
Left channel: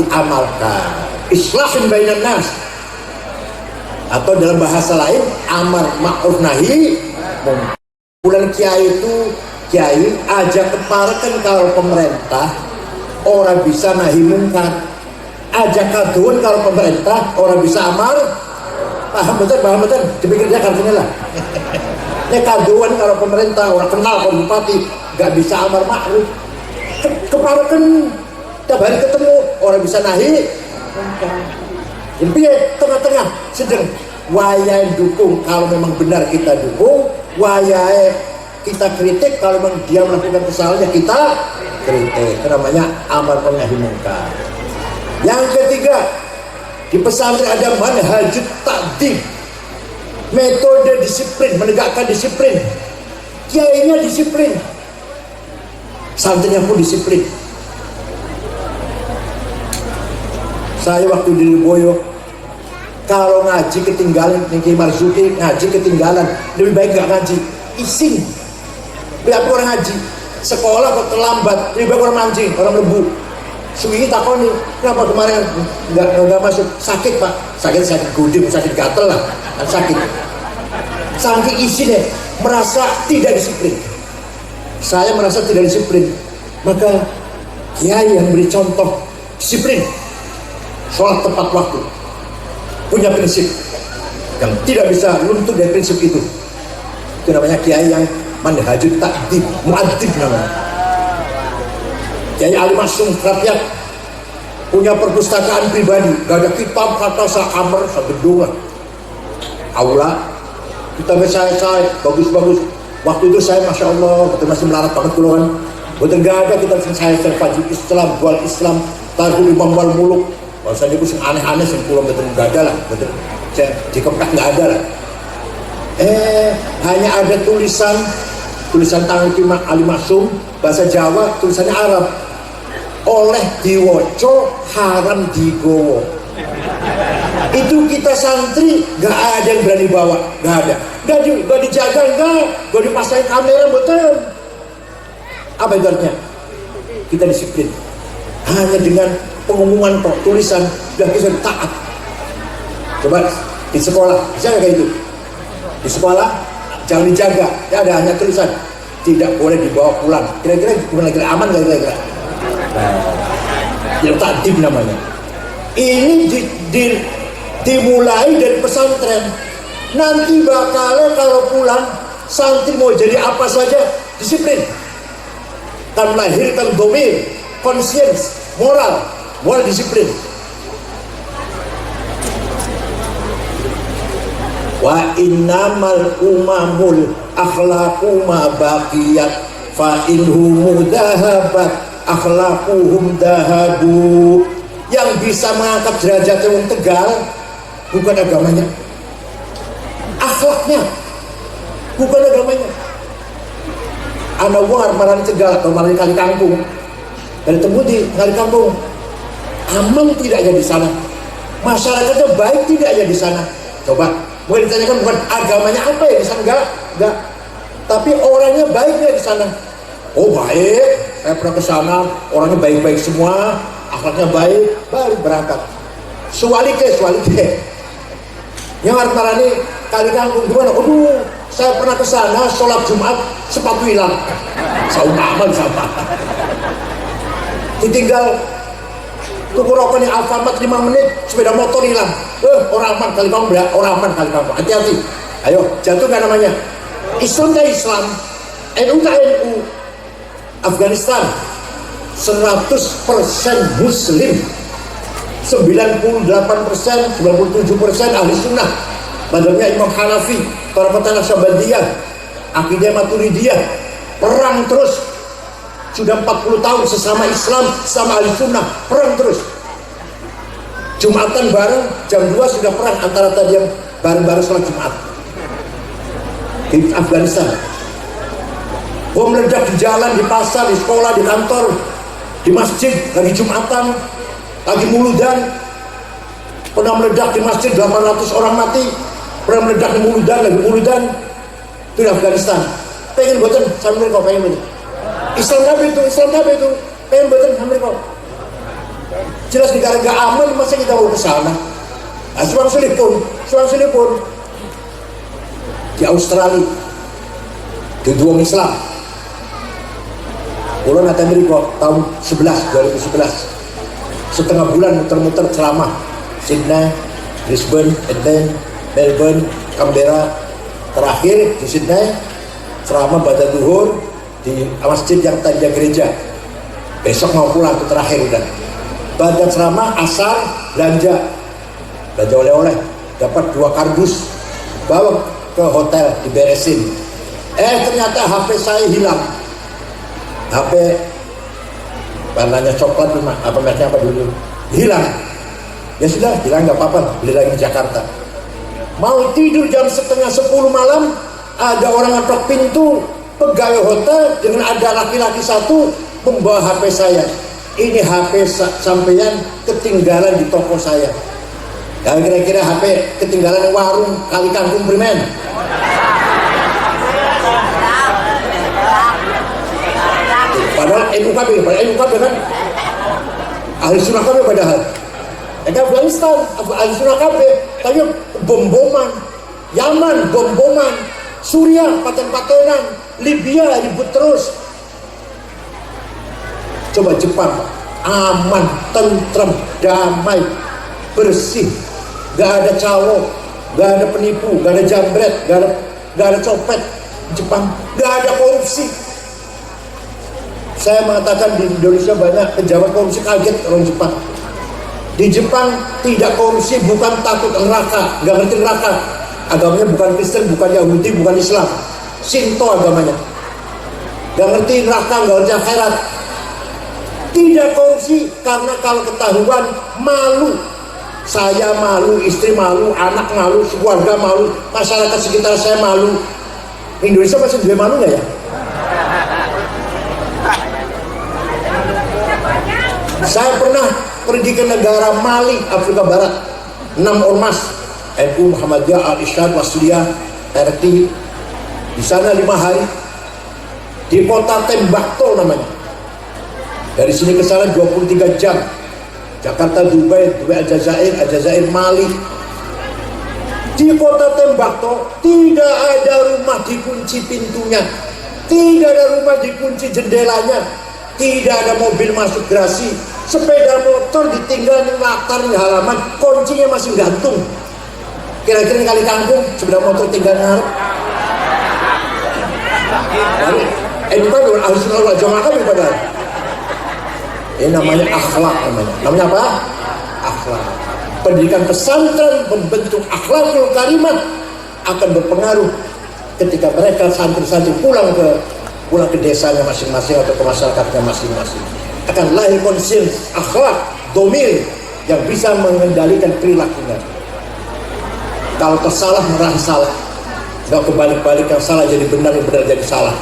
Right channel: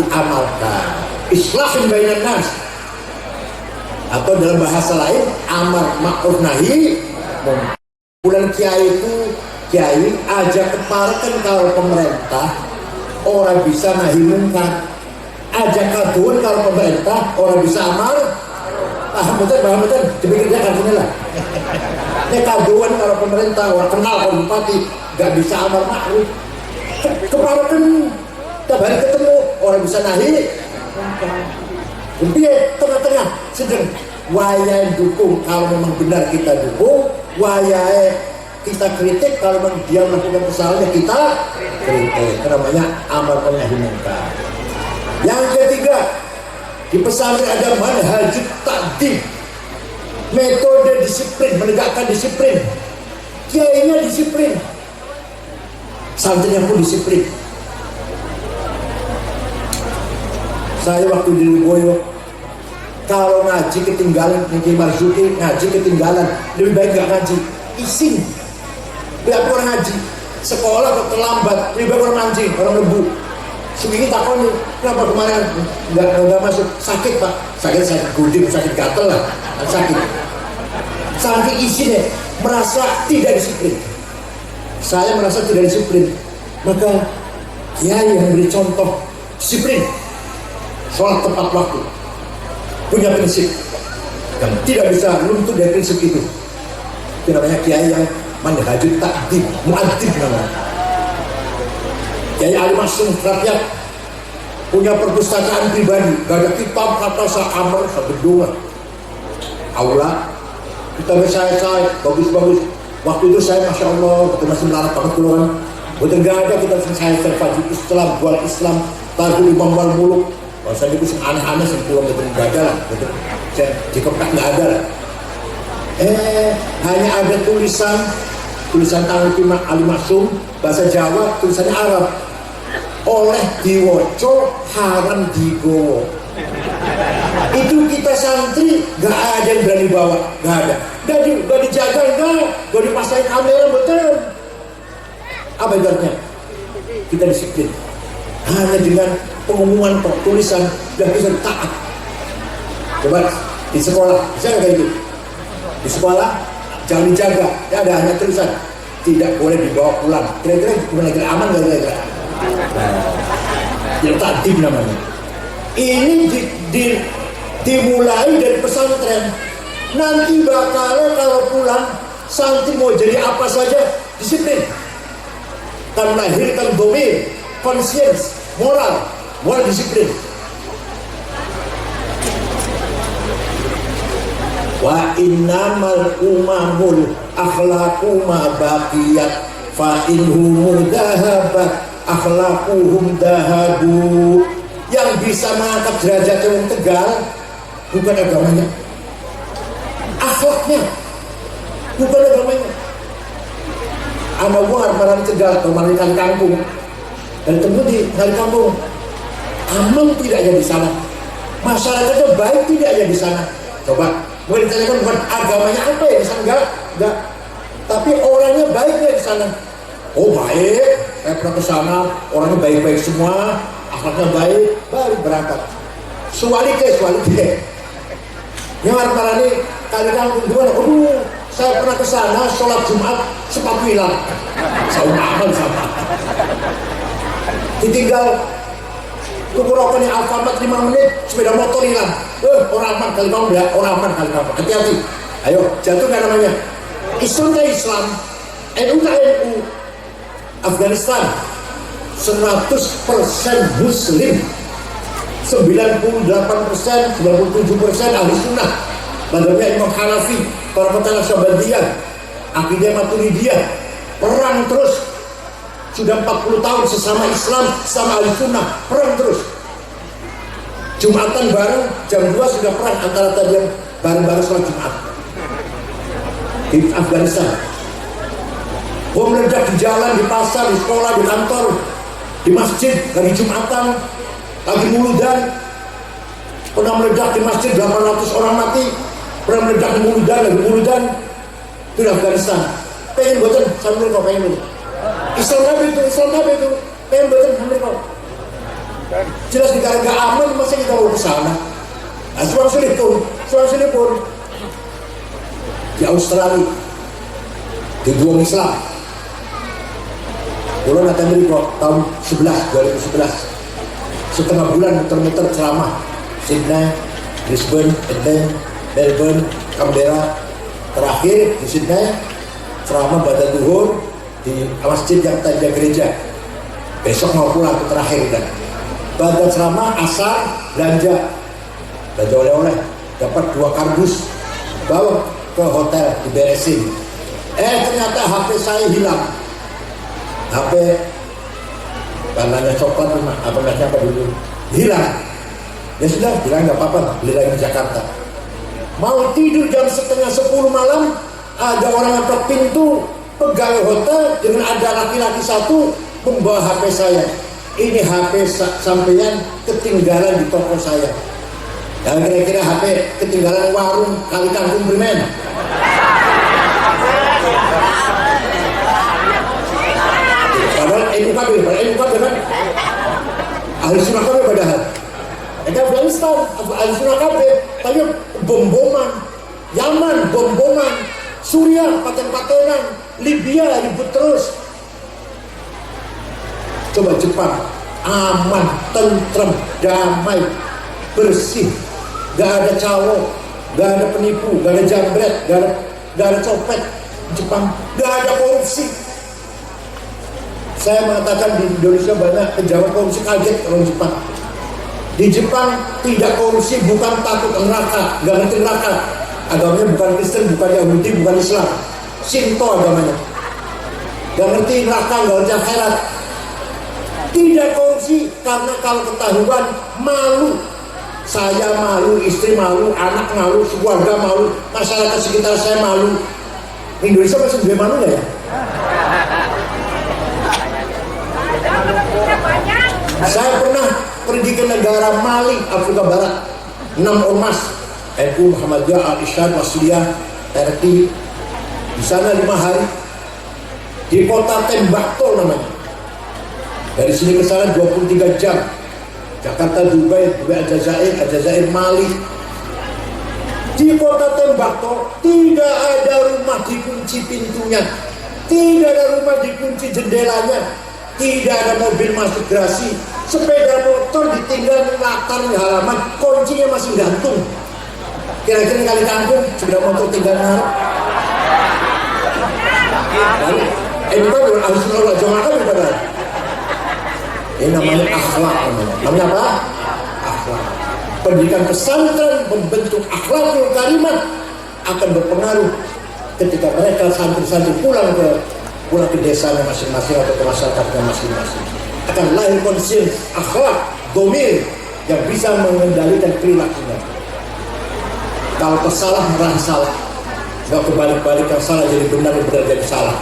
diamalkan. Islahin bainan nas. Atau dalam bahasa lain, amar ma'ruf nahi munkar. Bulan kiai itu kiai ajak keparakan kalau pemerintah orang bisa nahi munkar. Ajak kaduan kalau pemerintah orang bisa amar paham betul dipikirnya kan sini lah. Ini kaduan kalau pemerintah orang kenal kalau bupati gak bisa amar ma'ruf. Keparakan tiap hari ketemu orang bisa nahi jadi tengah-tengah sedang wayai dukung kalau memang benar kita dukung, wayai kita kritik kalau memang dia melakukan kesalahan kita kritik. Namanya amar nahi munkar. Yang ketiga, di pesantren ada manhajut ta'dib, metode disiplin, menegakkan disiplin. Kiainya disiplin, santrinya pun disiplin. Saya waktu di Lirboyo, kalau ngaji ketinggalan, Niki Marzuki ngaji ketinggalan, lebih baik gak ngaji, ising. Biar orang ngaji, sekolah kok terlambat, lebih baik orang mancing, orang lebu. Seminggu takoni, kenapa kemarin nggak masuk? Sakit pak, sakit gudeg, sakit gatel lah, sakit. Saking isi deh, merasa tidak disiplin. Saya merasa tidak disiplin, maka kiai yang beri contoh disiplin, sholat tepat waktu, punya prinsip, yang tidak bisa luntur dari prinsip itu. Itu namanya kiai yang manhajut ta'dib, mu'adzib namanya. Kiai Ali Masyum rakyat punya perpustakaan pribadi, gak ada kitab kata sekamar segedung lah. Aula kita saya bagus-bagus. Waktu itu saya masya Allah betul masih melarat banget keluhan. Betul gak ada kita saya serfaju Islam, buat Islam, tahu Imam wal muluk. Kalau saya itu aneh-aneh sih pulau betul gak ada lah. Betul saya di Kepkah gak ada lah. Hanya ada tulisan tangan Ali Masyum bahasa Jawa, tulisannya Arab. Oleh diwoco haram digowo. Itu kita santri gak ada yang berani bawa, gak ada. Gak dijaga, gak dipasang kamera betul. Apa ibaratnya? Kita disiplin. Hanya dengan pengumuman tulisan dan bisa taat. Coba di sekolah bisa gak kayak itu? Di sekolah jangan dijaga, ya ada hanya tulisan tidak boleh dibawa pulang. Kira-kira aman gak kira-kira? Yang ta'dib namanya. Ini dimulai dari pesantren. Nanti bakal kalau pulang santri mau jadi apa saja disiplin. Kan melahirkan dhamir, conscience, moral disiplin. Wa innamal umamul akhlaqu ma baqiyat fa inhum dahabat akhlaquhum dahabu. Yang bisa mengangkat derajat orang Tegal bukan agamanya, akhlaknya, bukan agamanya. Anak war marani Tegal atau marani Kali Kangkung dan temu di Kali Kangkung aman tidak ya di sana, masyarakatnya baik tidak ya di sana. Coba mau ditanyakan bukan agamanya apa ya di sana, enggak, tapi orangnya baik ya di sana. Oh baik, saya pernah ke sana, orangnya baik-baik semua, akhlaknya baik, baru berangkat. Sualike. Yang marani Kali Kangkung gimana? Saya pernah ke sana, sholat Jumat, sepatu hilang. Saya aman sama. Ditinggal tuku rokoknya Alfamart 5 menit, sepeda motor hilang. Orang aman Kali Kangkung ya, orang aman Kali Kangkung. Hati-hati. Ayo, jatuh nggak namanya? Islam ke Islam, NU ke NU. Afghanistan 100% muslim, 98%, 97% ahli sunnah. Madhabnya Imam Hanafi, Tariqat Naksabandiyah, akidah Maturidiyah, perang terus. Sudah 40 tahun sesama Islam, sama ahli sunnah, perang terus. Jumatan bareng, jam 2 sudah perang antara tadi yang bareng-bareng sholat Jumat di Afghanistan. Bom meledak di jalan, di pasar, di sekolah, di kantor, di masjid, lagi Jumatan, lagi muludan. Pernah meledak di masjid, 800 orang mati. Pernah meledak di muludan, lagi muludan. Itu di Afghanistan. Pengen buatan sambil kau pengen buatan. Islam Nabi itu pengen buatan sambil kau. Jelas negara gak aman, masa kita mau ke sana? Nah, seorang sini pun di Australia, di dua Islam. Pulau nanti Amerika tahun 2011, setengah bulan muter-muter ceramah Sydney, Brisbane, Adelaide, Melbourne, Canberra. Terakhir di Sydney ceramah pada duhur di masjid yang tanda gereja. Besok mau pulang ke terakhir udah. Pada ceramah asar belanja oleh-oleh, dapat 2 kardus, bawa ke hotel diberesin. Ternyata HP saya hilang. HP warnanya coklat, apa mereknya apa dulu, hilang. Ya sudah, bilang nggak apa-apa, beli lagi di Jakarta. Mau tidur jam setengah 10 malam, ada orang ngetok pintu, pegawai hotel dengan ada laki-laki satu membawa HP saya. Ini HP sampeyan ketinggalan di toko saya. Dan kira-kira HP ketinggalan warung Kali Kangkung Bremen. Padahal NUKB kan ahli sunnah KB padahal. Afghanistan, ahli sunnah KB, tapi bom-boman, Yaman bom-boman, Suriah paten-patenan, Libya ribut terus. Coba Jepang, aman, tentrem, damai, bersih, gak ada calo, gak ada penipu, gak ada jambret, gak ada copet. Jepang gak ada korupsi. Saya mengatakan di Indonesia banyak pejabat korupsi, kaget orang Jepang. Di Jepang tidak korupsi bukan takut neraka, gak ngerti neraka. Agamanya bukan Kristen, bukan Yahudi, bukan Islam, Shinto agamanya. Gak ngerti neraka, gak ngerti akhirat. Tidak korupsi karena kalau ketahuan malu. Saya malu, istri malu, anak malu, keluarga malu, masyarakat sekitar saya malu. Indonesia masih juga malu gak ya? Saya pernah pergi ke negara Mali, Afrika Barat, 6 ormas NU, Muhammadiyah, Al-Isyad, Wasudiyah, RT. Di sana 5 hari di kota Tembakto namanya. Dari sini ke sana 23 jam. Jakarta, Dubai, Aljazair, Mali. Di kota Tembakto tidak ada rumah dikunci pintunya, tidak ada rumah dikunci jendelanya, tidak ada mobil masuk garasi, sepeda motor ditinggal di latar di halaman, kuncinya masih gantung. Kira-kira Kali Kangkung sepeda motor tinggal ngarep. Itu kan harus Allah jangan kan padahal. Ini namanya akhlak namanya. Namanya apa? Akhlak. Pendidikan pesantren membentuk akhlakul karimah akan berpengaruh ketika mereka santri-santri pulang ke desanya masing-masing atau ke masyarakatnya masing-masing. Akan lahir konsiens akhlak domir yang bisa mengendalikan perilakunya. Kalau tersalah merasa salah, nggak kebalik-balik, yang salah jadi benar, yang benar jadi salah.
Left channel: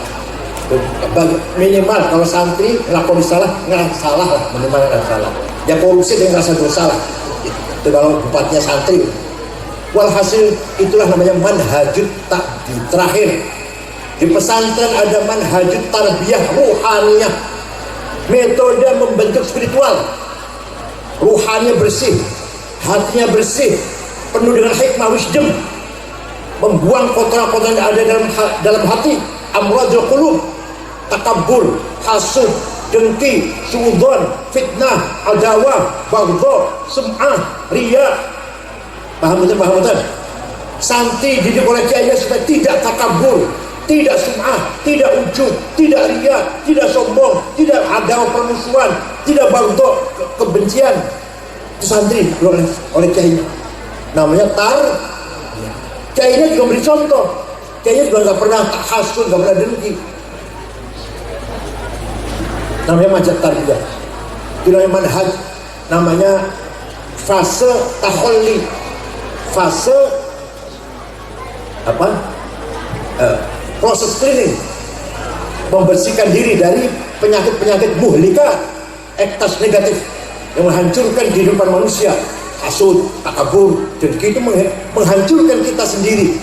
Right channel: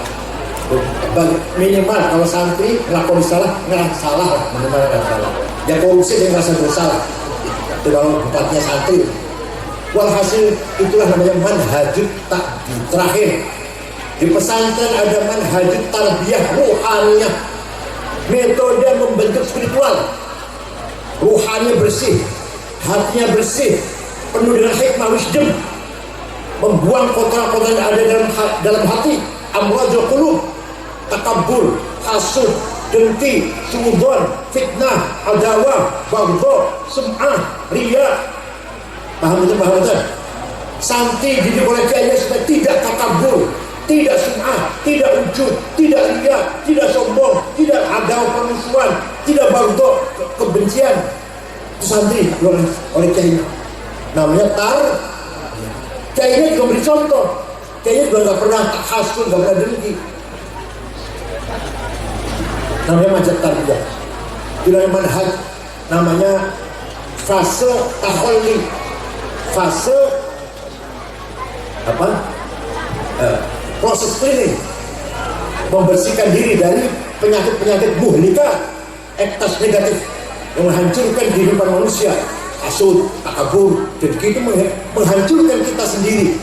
Minimal kalau santri lakoni salah, nggak salah lah, minimal nggak salah. Yang korupsi dia nggak bersalah. Itu kalau empatnya santri. Walhasil itulah namanya manhajut takdi. Terakhir di pesantren ada manhajut tarbiyah ruhaniyah, metode membentuk spiritual. Ruhannya bersih, hatinya bersih, penuh dengan hikmah wisdom, membuang kotoran-kotoran yang ada dalam hati, amradul qulub, takabur, hasud, dengki, suudzon, fitnah, adawah, baghdha, sum'ah, riya. Paham betul? Santri didik oleh kiai supaya tidak takabur, tidak sum'ah, tidak ujub, tidak riya, tidak sombong, tidak adawah permusuhan, tidak bentuk kebencian. Itu santri oleh kiainya. Namanya kiainya juga beri contoh. Kiainya juga nggak pernah hasud, nggak pernah dengki. Namanya majat tarbiyah. Itu namanya manhaj. Namanya fase taholli, fase proses cleaning, membersihkan diri dari penyakit-penyakit muhlika, ektas negatif yang menghancurkan kehidupan manusia, hasud, takabur, dan itu menghancurkan kita sendiri.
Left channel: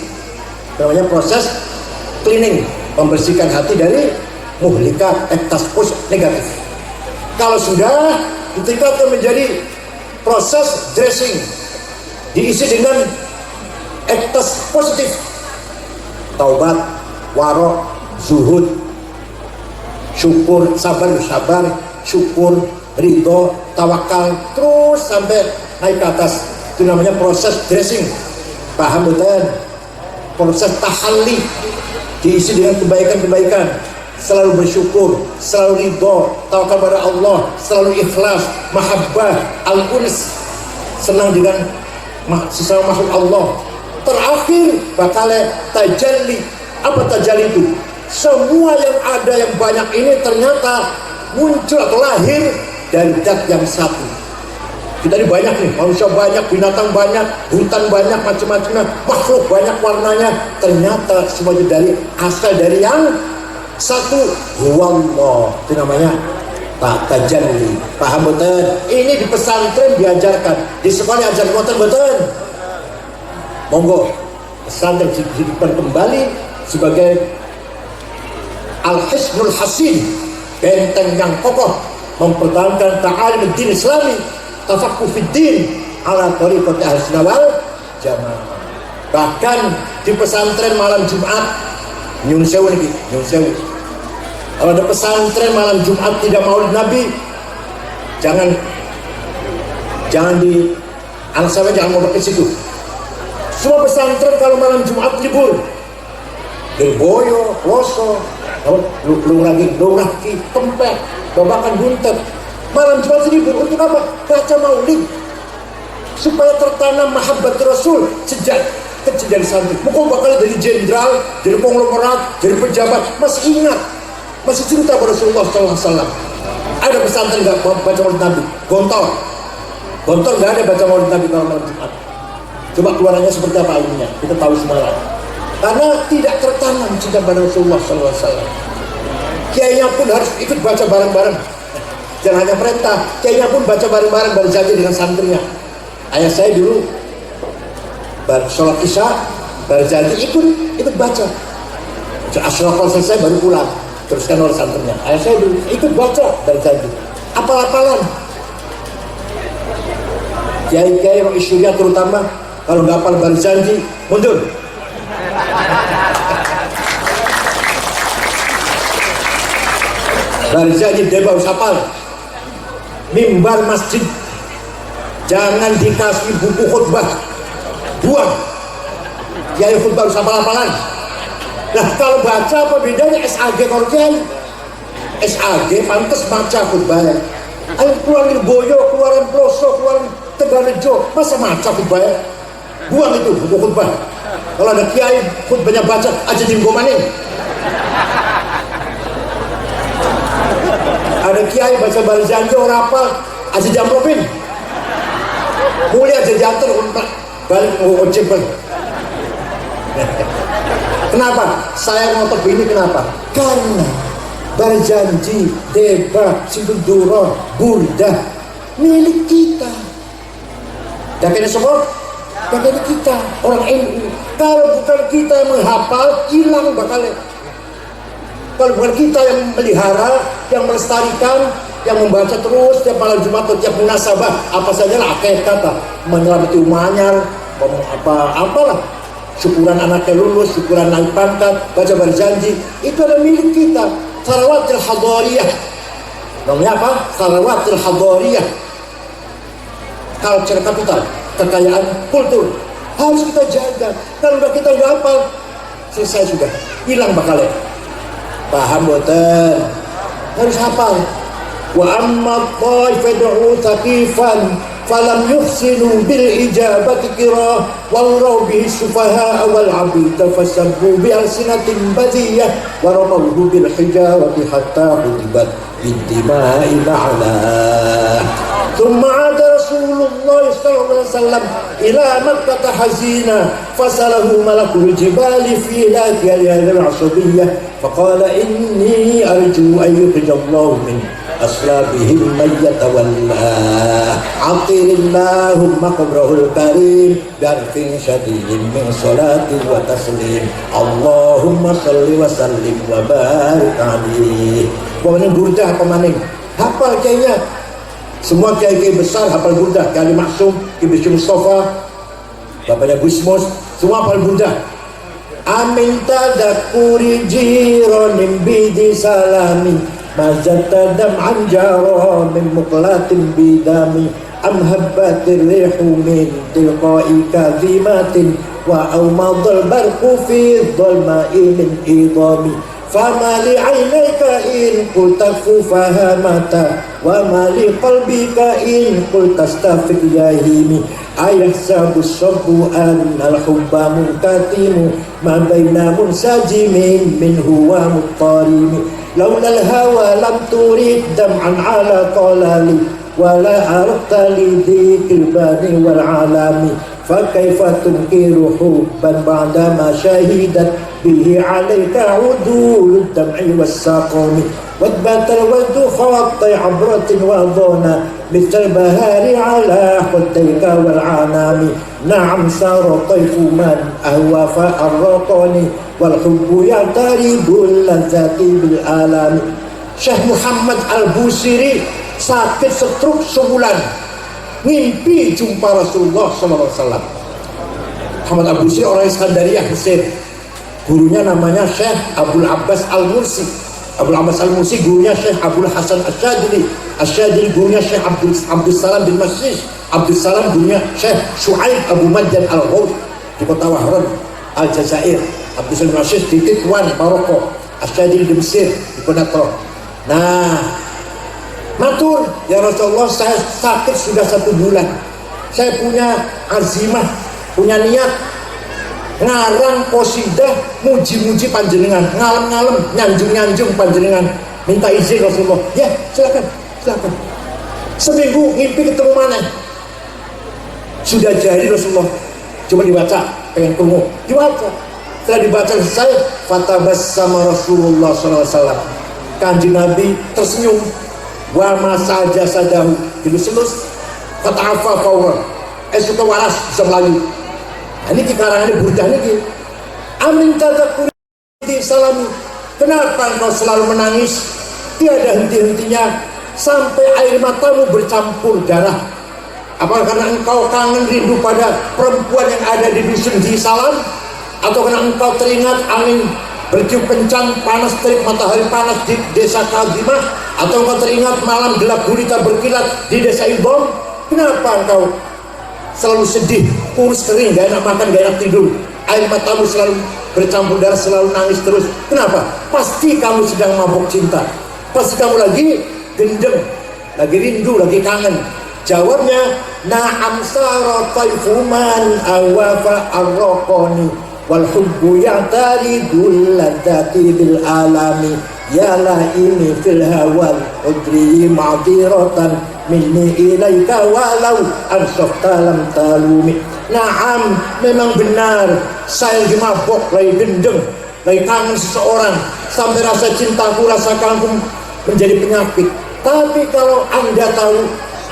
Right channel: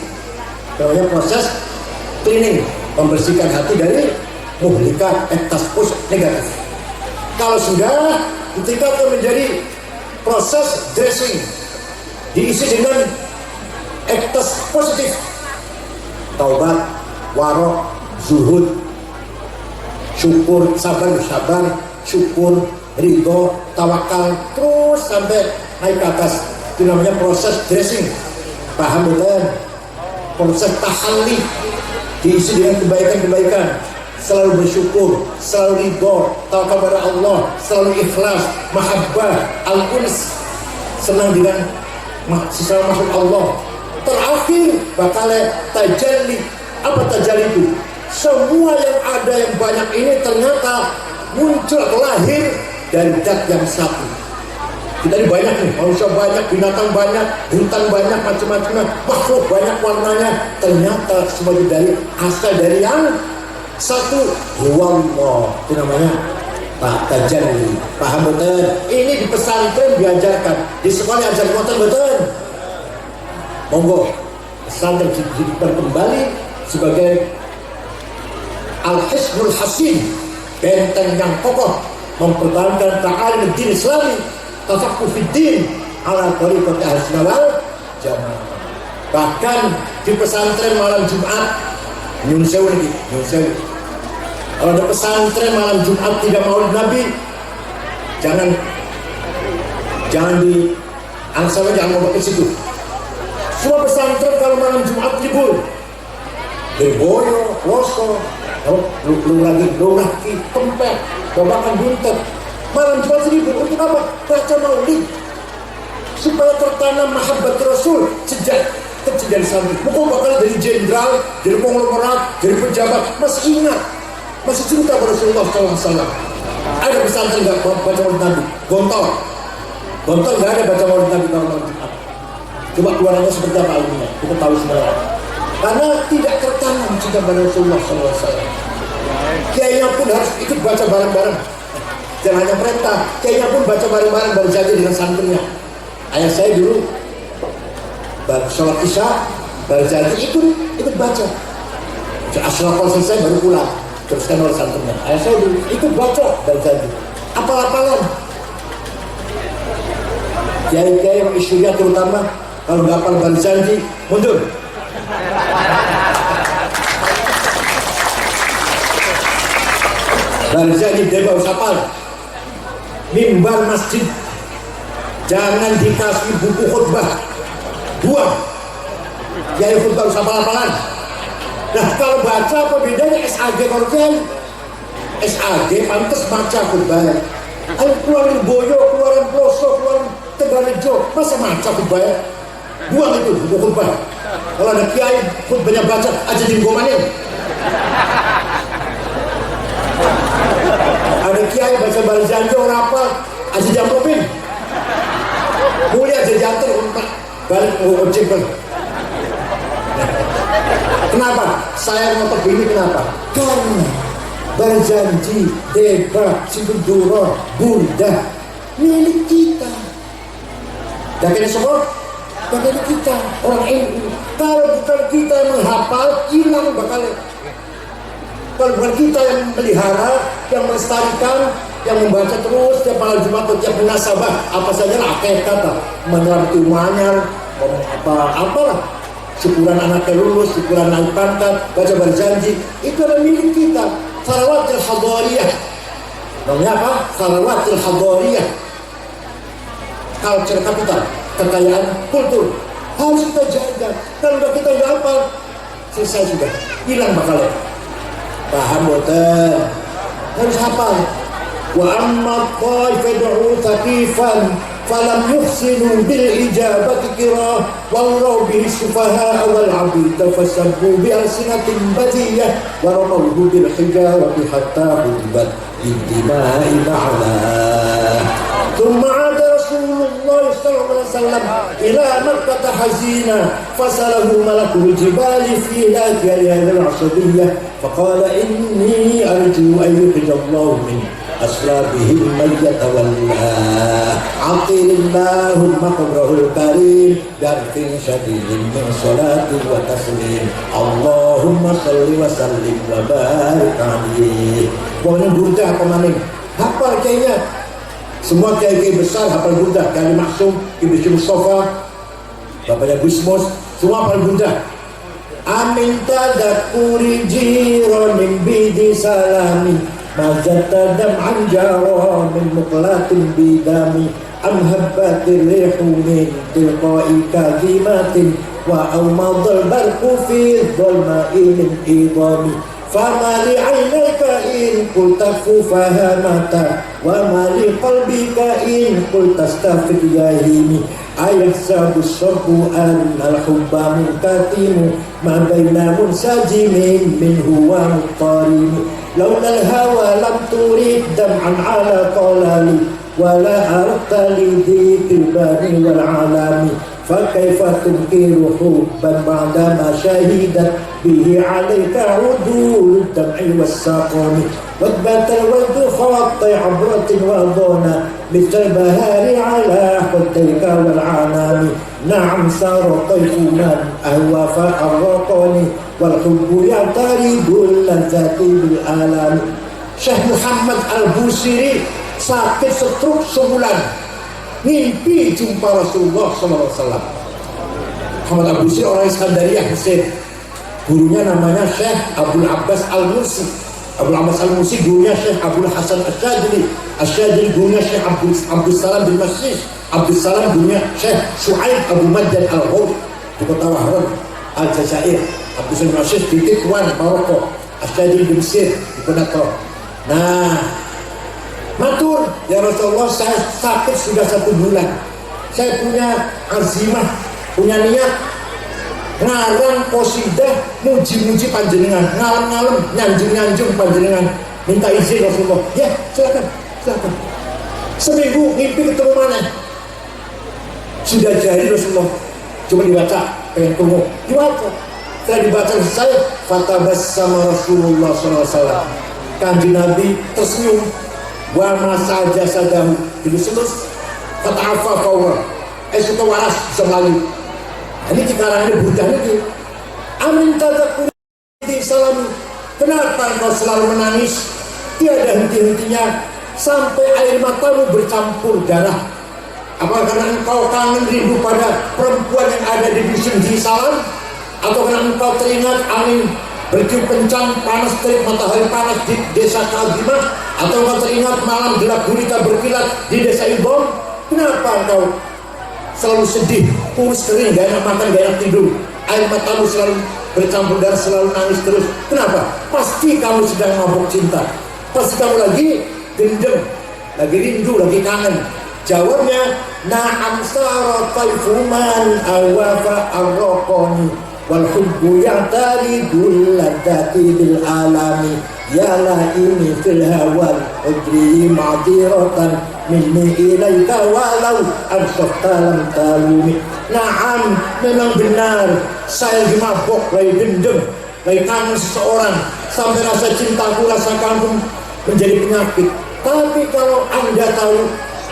Namanya proses cleaning, membersihkan hati dari muhlika, ektas negatif. Kalau sudah, itu akan menjadi proses dressing, diisi dengan ektas positif, taubat, warok, zuhud, syukur, sabar, syukur, ridho, tawakal, terus sampai naik ke atas. Itu namanya proses dressing. Paham betul? Proses tahalli, diisi dengan kebaikan-kebaikan, selalu bersyukur, selalu ridho, tawakal kepada Allah, selalu ikhlas, mahabbah, al-uns, senang dengan sesama makhluk Allah. Terakhir bakal tajalli. Apa tajalli itu? Semua yang ada yang banyak ini ternyata muncul atau lahir dari dat yang satu. Kita ini banyak nih, manusia banyak, binatang banyak, hutan banyak, macam-macamnya, makhluk banyak warnanya. Ternyata semuanya dari asal dari yang satu. Wallah, itu namanya tajalli. Paham betul? Ini di pesantren diajarkan, di sekolah ajar betul. Monggo, pesantren dihidupkan kembali sebagai al-hisnul hasin, benteng yang kokoh, mempertahankan ta'alim din Islami, tafaqquh fid din ala tariqati ahli wal jamaah. Bahkan di pesantren malam Jumat, nyun sewu. Kalau ada pesantren malam Jumat tidak maulid Nabi, jangan di angsanya, jangan mau ke situ. Semua pesantren kalau malam Jumat libur, Boyo, Loso, Luraki, Tempek, Babakan Buntet, malam Jumat libur. Untuk apa? Baca maulid, supaya tertanam mahabbat Rasul sejak kecil dari santri. Bukan bakal dari jenderal, dari konglomerat, dari pejabat, masih ingat, masih cinta pada Rasulullah SAW. Ada pesantren nggak baca maulid Nabi? Gontor nggak ada baca maulid Nabi kalau malam Jumat. Coba keluarannya seperti apa ilmunya, kita tahu semua. Karena tidak tertanam cinta pada Rasulullah SAW. Kiainya pun harus ikut baca bareng-bareng. Jangan hanya perintah, kiainya pun baca bareng-bareng baru saja dengan santrinya. Ayah saya dulu baru sholat isya, baru saja ikut baca. Ashrafal selesai baru pulang, teruskan oleh santrinya. Ayah saya dulu ikut baca baru saja. Apal-apalan. Kiai-kiai yang isunya terutama, kalau nggak hafal baru janji, mundur. Baru janji dia baru hafal. Mimbar masjid jangan dikasih buku khutbah, buang. Kiai khutbah harus hafal-hafalan. Nah kalau baca apa bedanya SAG kalau kiai? SAG pantas baca khutbahnya. Ayo keluarin Boyo, keluarin Ploso, keluarin Tegarejo, masa baca khutbahnya? Buang itu buku khutbah. Kalau ada kiai khutbahnya baca aja dimgomanin. Ada kiai baca baljanjo rapal aja jampopin. Mulia aja jatuh untuk balik ojek bang. Kenapa? Saya ngotot ini kenapa? Karena berjanji, debat, sibuduro, burdah milik kita. Dan kena semua dari kita orang NU. Kalau bukan kita yang menghafal, hilang bakalnya. Kalau bukan kita yang melihara, yang melestarikan, yang membaca terus tiap malam Jumat atau tiap munasabah, apa saja lah kayak kata menyelamati umahnya, apalah, syukuran anaknya lulus, syukuran naik pangkat, baca berjanji, itu adalah milik kita. Tharawatil hadariyah. Namanya apa? Tharawatil hadariyah. Culture capital, kekayaan kultur harus kita jaga. Kalau kita nggak hafal, selesai sudah, hilang bakalnya. Paham betul? Harus hafal. وأما الطائف يدعو ثقيفا فلم يحسنوا بالإجابة كراه وأغروا به السفهاء والعبيد فسبوا بألسنة بذية ورموه بالحجارة حتى كتبت بالدماء معنا. ثم عاد رسول الله صلى الله عليه وسلم إلى مكة حزينا فسأله ملك الجبال في هذه العصبية فقال إني أرجو أن يخرج الله من أصلابهم من يتولى عطر اللهم قبره الكريم بعرف شديد من صلاة وتسليم اللهم صل وسلم وبارك عليه. Pokoknya burdah apa maning hafal kayaknya semua kiai besar hafal burdah, Kiai Maksum, Kiai Bishri Mustafa, bapaknya Gusmus, semua hafal burdah. Amin tadakuri jironim bidi salami mazata dam'an jara min muqlatin bidami am habbatir rihu min tilqa'i kazimatin wa awmadal barku fi dhalma'i min idami fama li 'ainayka in qulta fahamata wa ma li qalbika in qulta astafid yahimi ayahsabu sabbu an al-hubba munkatimu ma baina munsajimin minhu wa muttarimi laula al-hawa lam turid dam'an ala qalali wa la arta li dhikri bani wal alami فكيف تنكر حبا بعدما شهدت به عليك عدول الدمع والسقم وثبت الود خط عبرة وظنا مثل البهار على خديك والعنام نعم سار طيف من أهوى فأرقني والحب يعترض اللذات بالآلام. Syekh Muhammad Al-Busiri sakit stroke sebulan, mimpi jumpa Rasulullah SAW. Muhammad Al-Busiri orang Iskandariyah Mesir. Gurunya namanya Syekh Abdul Abbas Al-Mursi. Abdul Abbas Al-Mursi gurunya Syekh Abdul Hasan Al-Syadili. Al-Syadili gurunya Syekh Abdul Salam bin Masjid. Abdul Salam gurunya Syekh Shu'aib Abu Majdan Al-Ghawd di kota Wahran Al-Jazair. Abdul Salam bin Masjid di Titwan Maroko. Al-Syadili di Mesir di Konato. Nah, matur, ya Rasulullah, saya sakit sudah 1 bulan. Saya punya azimah, punya niat ngarang qasidah muji-muji panjenengan, ngalem-ngalem, nyanjung-nyanjung panjenengan. Minta izin Rasulullah. Ya, silakan. Seminggu mimpi ketemu mana? Sudah jadi Rasulullah. Coba dibaca, pengen ketemu. Dibaca. Setelah dibaca selesai, fatabassama Rasulullah SAW. Kanjeng Nabi tersenyum. Wa ma sadahu itu selus fata'afa fawra suka waras bisa melalui. Ini dikarangannya burdah ini. Amin tadakuri di salami. Kenapa engkau selalu menangis tiada henti-hentinya sampai air matamu bercampur darah? Apakah karena engkau kangen rindu pada perempuan yang ada di dusun di Salam, atau karena engkau teringat angin bertiup kencang, panas terik matahari panas di desa Kadimah, atau engkau teringat malam gelap gulita berkilat di desa Ibom? Kenapa engkau selalu sedih, kurus kering, gak enak makan, gak enak tidur, air matamu selalu bercampur darah, selalu nangis terus? Kenapa? Pasti kamu sedang mabuk cinta, pasti kamu lagi gendeng, lagi rindu, lagi kangen. Jawabnya, na'am sara taifuman awafa arraqani wal hubbu ya'taridul ladati bil alami ya la ini fil hawal udri ma'diratan minni ilaika walau ansafta lam talumi. Naam, memang benar saya lagi mabok, lagi gendeng, lagi kangen seseorang, sampai rasa cintaku, rasa kangen menjadi penyakit. Tapi kalau Anda tahu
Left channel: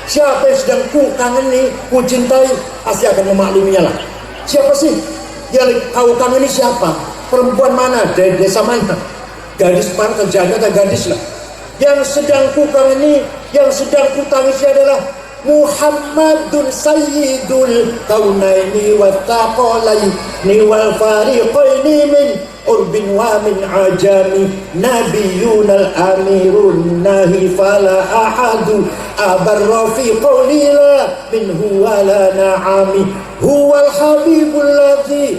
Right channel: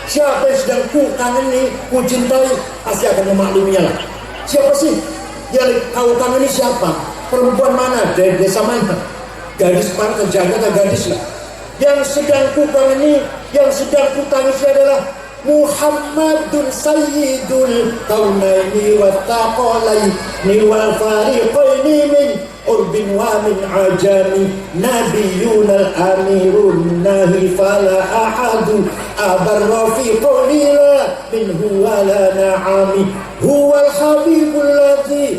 siapa yang sedang ku kangeni, ku cintai, pasti akan memakluminya lah. Siapa sih yang kau kangeni? Siapa? Perempuan mana? Dari desa mana? Gadis mana? Terjaga atau gadis lah. Yang sedang ku kangeni, yang sedang ku tangisi adalah Muhammadun Sayyidul Kaunaini wa Taqalaini wal Fariqaini min urbin wa min ajami Nabiyun al-amirun nahi fala ahadu abarra fi qawlila minhu wa la na'ami huwal habibul ladhi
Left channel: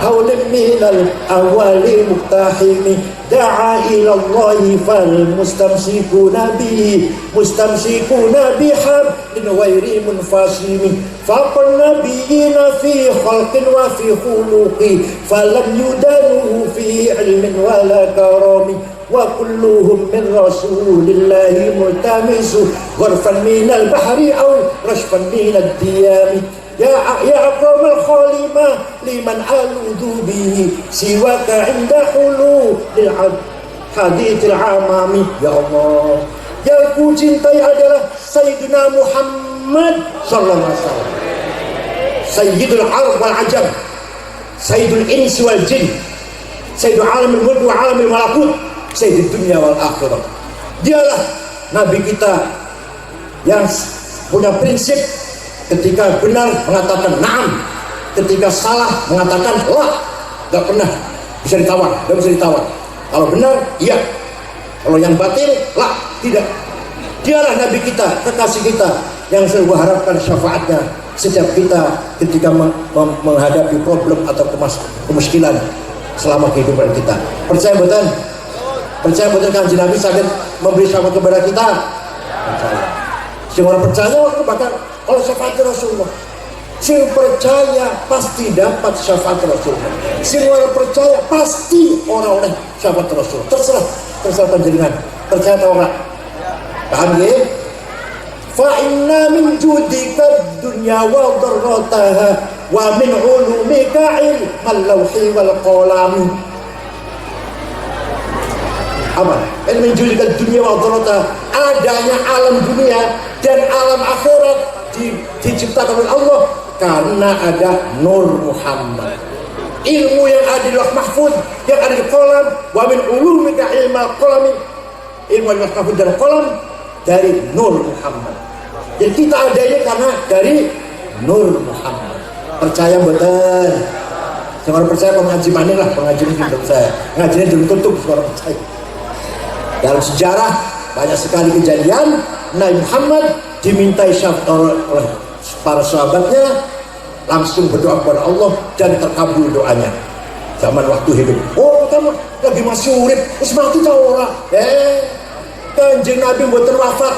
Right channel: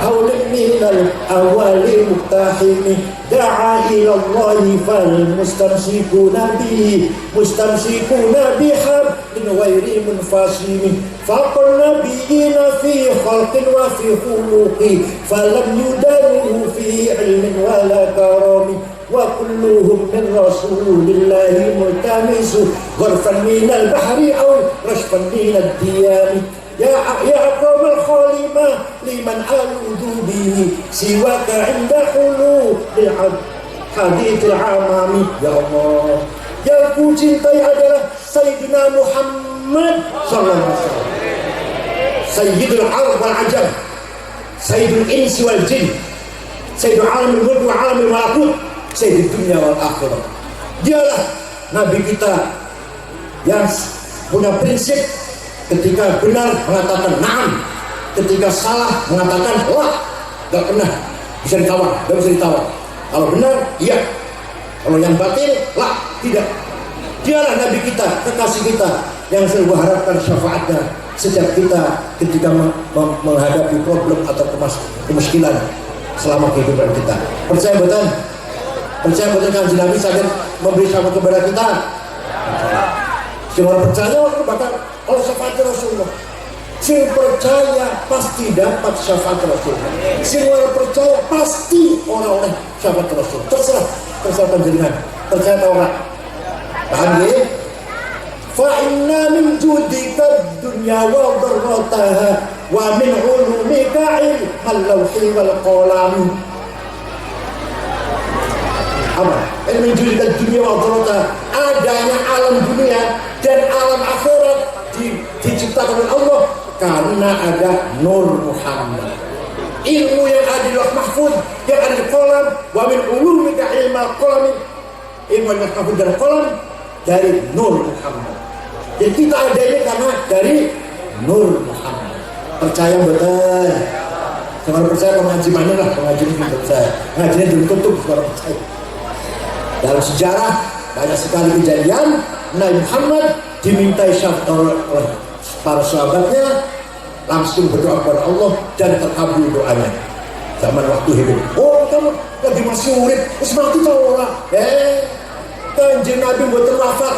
حول من الأول مقتحم دعا إلى الله فالمستمسكون به مستمسكون بحبل غير منفصم فوق النبيين في خلق وفي خلق فلم يدانوه في علم ولا كرم وكلهم من رسول الله ملتمس غرفا من البحر أو رشفا من الديام يا أكرم الخالمة لمن ألوذ به سواك عند حلول الحديث العمام يا الله yang ku cintai adalah Sayyidina Muhammad sallallahu alaihi wasallam Sayyidul Arab wal Ajam Sayyidul Insi wal Jin Sayyidul Alamil Mulk wa Alamil Malakut Sayyidul Dunya wal Akhirah. Dialah Nabi kita yang punya prinsip ketika benar mengatakan na'am, ketika salah mengatakan la, gak pernah bisa ditawar, gak bisa ditawar. Kalau benar, iya. Kalau yang batil, la, tidak. Dialah Nabi kita, kekasih kita yang selalu harapkan syafaatnya setiap kita ketika menghadapi problem atau kemiskinan selama kehidupan kita. Percaya betul? Percaya betul kan Nabi sakit memberi syafaat kepada kita? Jangan percaya bahkan oleh syafaat Rasulullah. Sing percaya pasti dapat syafaat Rasulullah. Sing orang percaya pasti orang oleh syafaat Rasulullah. Terserah panjenengan. Percaya atau enggak? Paham ya? Fa inna min judika dunya wa darrataha wa min ulumika ilmal lawhi wal qalam. Apa? Min judika dunya wa darrataha, adanya alam dunia dan alam akhirat diciptakan oleh Allah karena ada Nur Muhammad. Ilmu yang ada di Lauh Mahfuz, yang ada di kolam, wa min ulumika ilmal qalam, ilmu yang mahfuz dari kolam dari Nur Muhammad. Jadi kita adanya karena dari Nur Muhammad. Percaya betul? Jangan percaya pengaji mana lah, pengaji ini percaya. Pengajinya belum tutup, jangan percaya. Dalam sejarah banyak sekali kejadian Nabi Muhammad dimintai syafaat oleh para sahabatnya, langsung berdoa kepada Allah dan terkabul doanya. Zaman waktu hidup. Oh, kamu lagi masih urip, terus mati tahu orang. Kanjeng Nabi mboten wafat.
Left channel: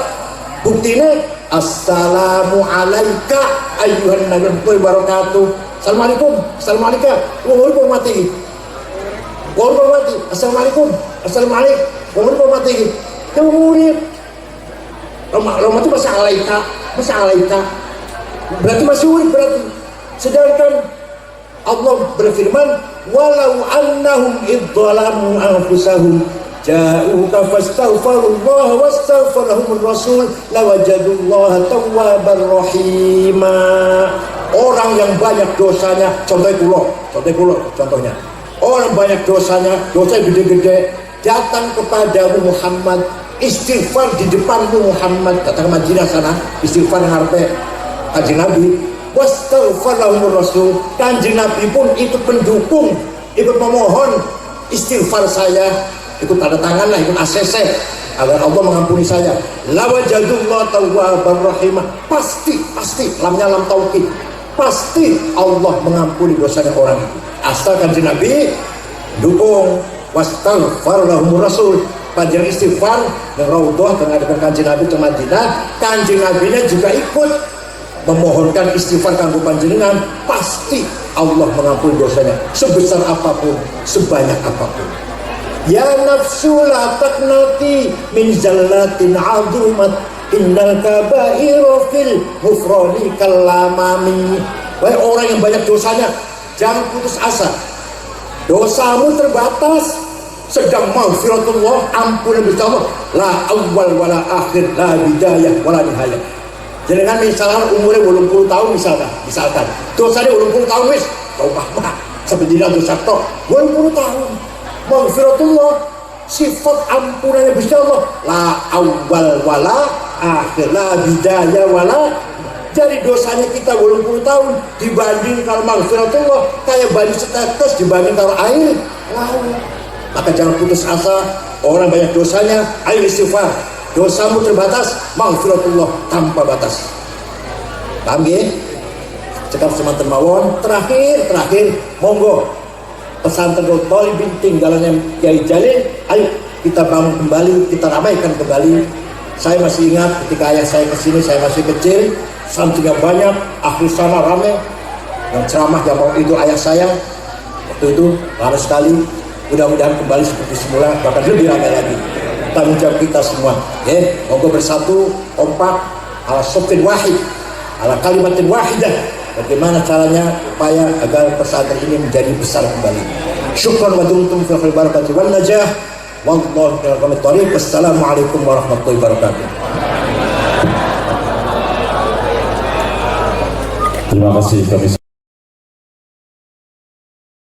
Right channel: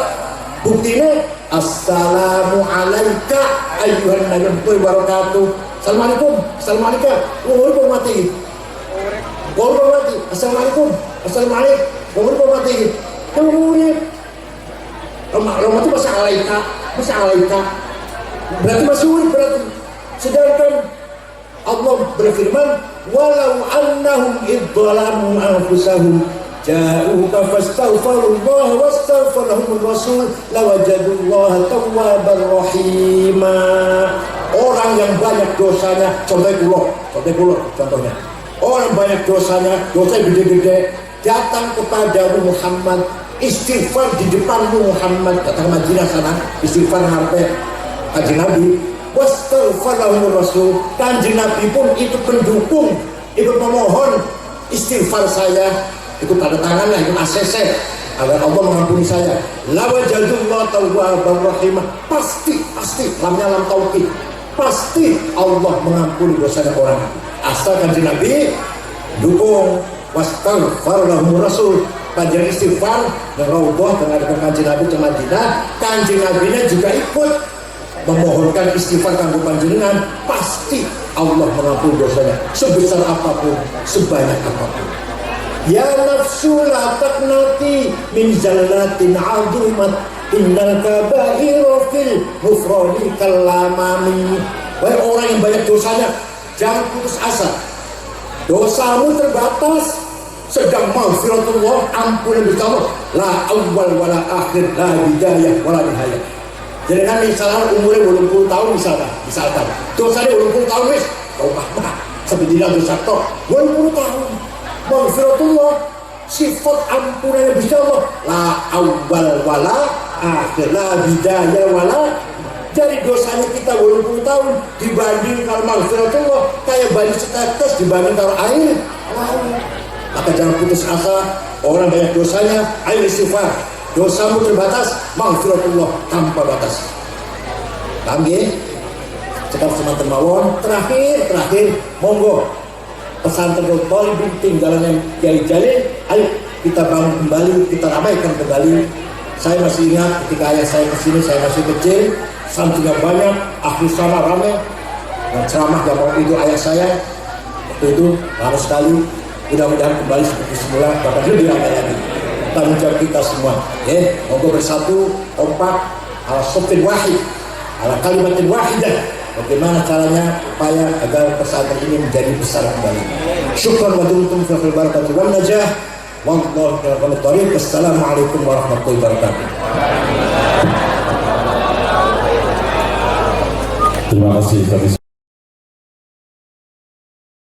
Buktinya assalamu alayka ayyuhan nabi wabarakatuh. Assalamualaikum. Assalamualaikum. Oh, mati. Oh, mati. Assalamualaikum. Assalamualaikum. Oh, mati. Kemudian Roma itu masa alaika. Berarti masih urip berarti. Sedangkan Allah berfirman, walau annahum idzalamu anfusahum ja'uka fastaghfirullah wastaghfarahumur rasul lawajadullaha tawwabar rahima. Orang yang banyak dosanya, contohnya. Orang banyak dosanya, dosa gede-gede, datang kepadamu Muhammad, istighfar di depanmu Muhammad, datang ke Madinah sana, istighfar ngarepe Kanjeng Nabi, wastaghfarahumur rasul. Kanjeng Nabi pun ikut pendukung, ikut memohon istighfar saya, ikut tanda tangan lah, ikut ACC agar Allah mengampuni saya. Lawajadullah tawwabar rahimah. Pasti lamnya lam taukid, pasti Allah mengampuni dosanya orang. Asal Kanjeng Nabi dukung, wastaghfarahumur rasul, panjang istighfar dan raudhah dengan Kanjeng Nabi ke Madinah. Kanjeng Nabi juga ikut memohonkan istighfar kanggo panjenengan, pasti Allah mengampuni dosanya sebesar apapun, sebanyak apapun. Ya nafsu la taqnati min zallatin 'azumat innal kaba'ira fil ghufrani kallamami. Wahai orang yang banyak dosanya, jangan putus asa. Dosamu terbatas, sedang maghfiratullah, ampunan dari Allah, la awal wala akhir, la bidayah wala nihayah. Jadi kan misalnya umurnya 80 tahun misalkan dosanya 80 tahun wis taubah sampai tidak dosa tok 80 tahun maghfiratullah, sifat ampunannya bisa Allah, la awal wala akhir, la bidayah wala. Jadi dosanya kita 80 tahun dibanding kalau maghfiratullah kayak bani setetes dibanding kalau air laut. Maka jangan putus asa. Orang banyak dosanya, ayo istighfar. Dosamu terbatas, maghfiratullah tanpa batas. Paham ya? Cekap semanten mawon. Terakhir, monggo pesantren Thalibin tinggalannya Kiai Jalil, ayo kita bangun kembali, kita ramaikan kembali. Saya masih ingat ketika ayah saya kesini, saya masih kecil, santrinya banyak, akhir sana ramai, yang ceramah yang mau itu ayah saya, waktu itu ramai sekali. Mudah-mudahan kembali seperti semula, bahkan lebih ramai lagi. Tanggung jawab kita semua, ya, moga bersatu, kompak, ala sofin wahid, ala kalimatin wahidah. Bagaimana caranya upaya agar pesantren ini menjadi besar kembali. Syukran wa dumtum fil barakati wan najah. Wallahu a'lam bishawab. Wassalamualaikum warahmatullahi wabarakatuh. Terima kasih kami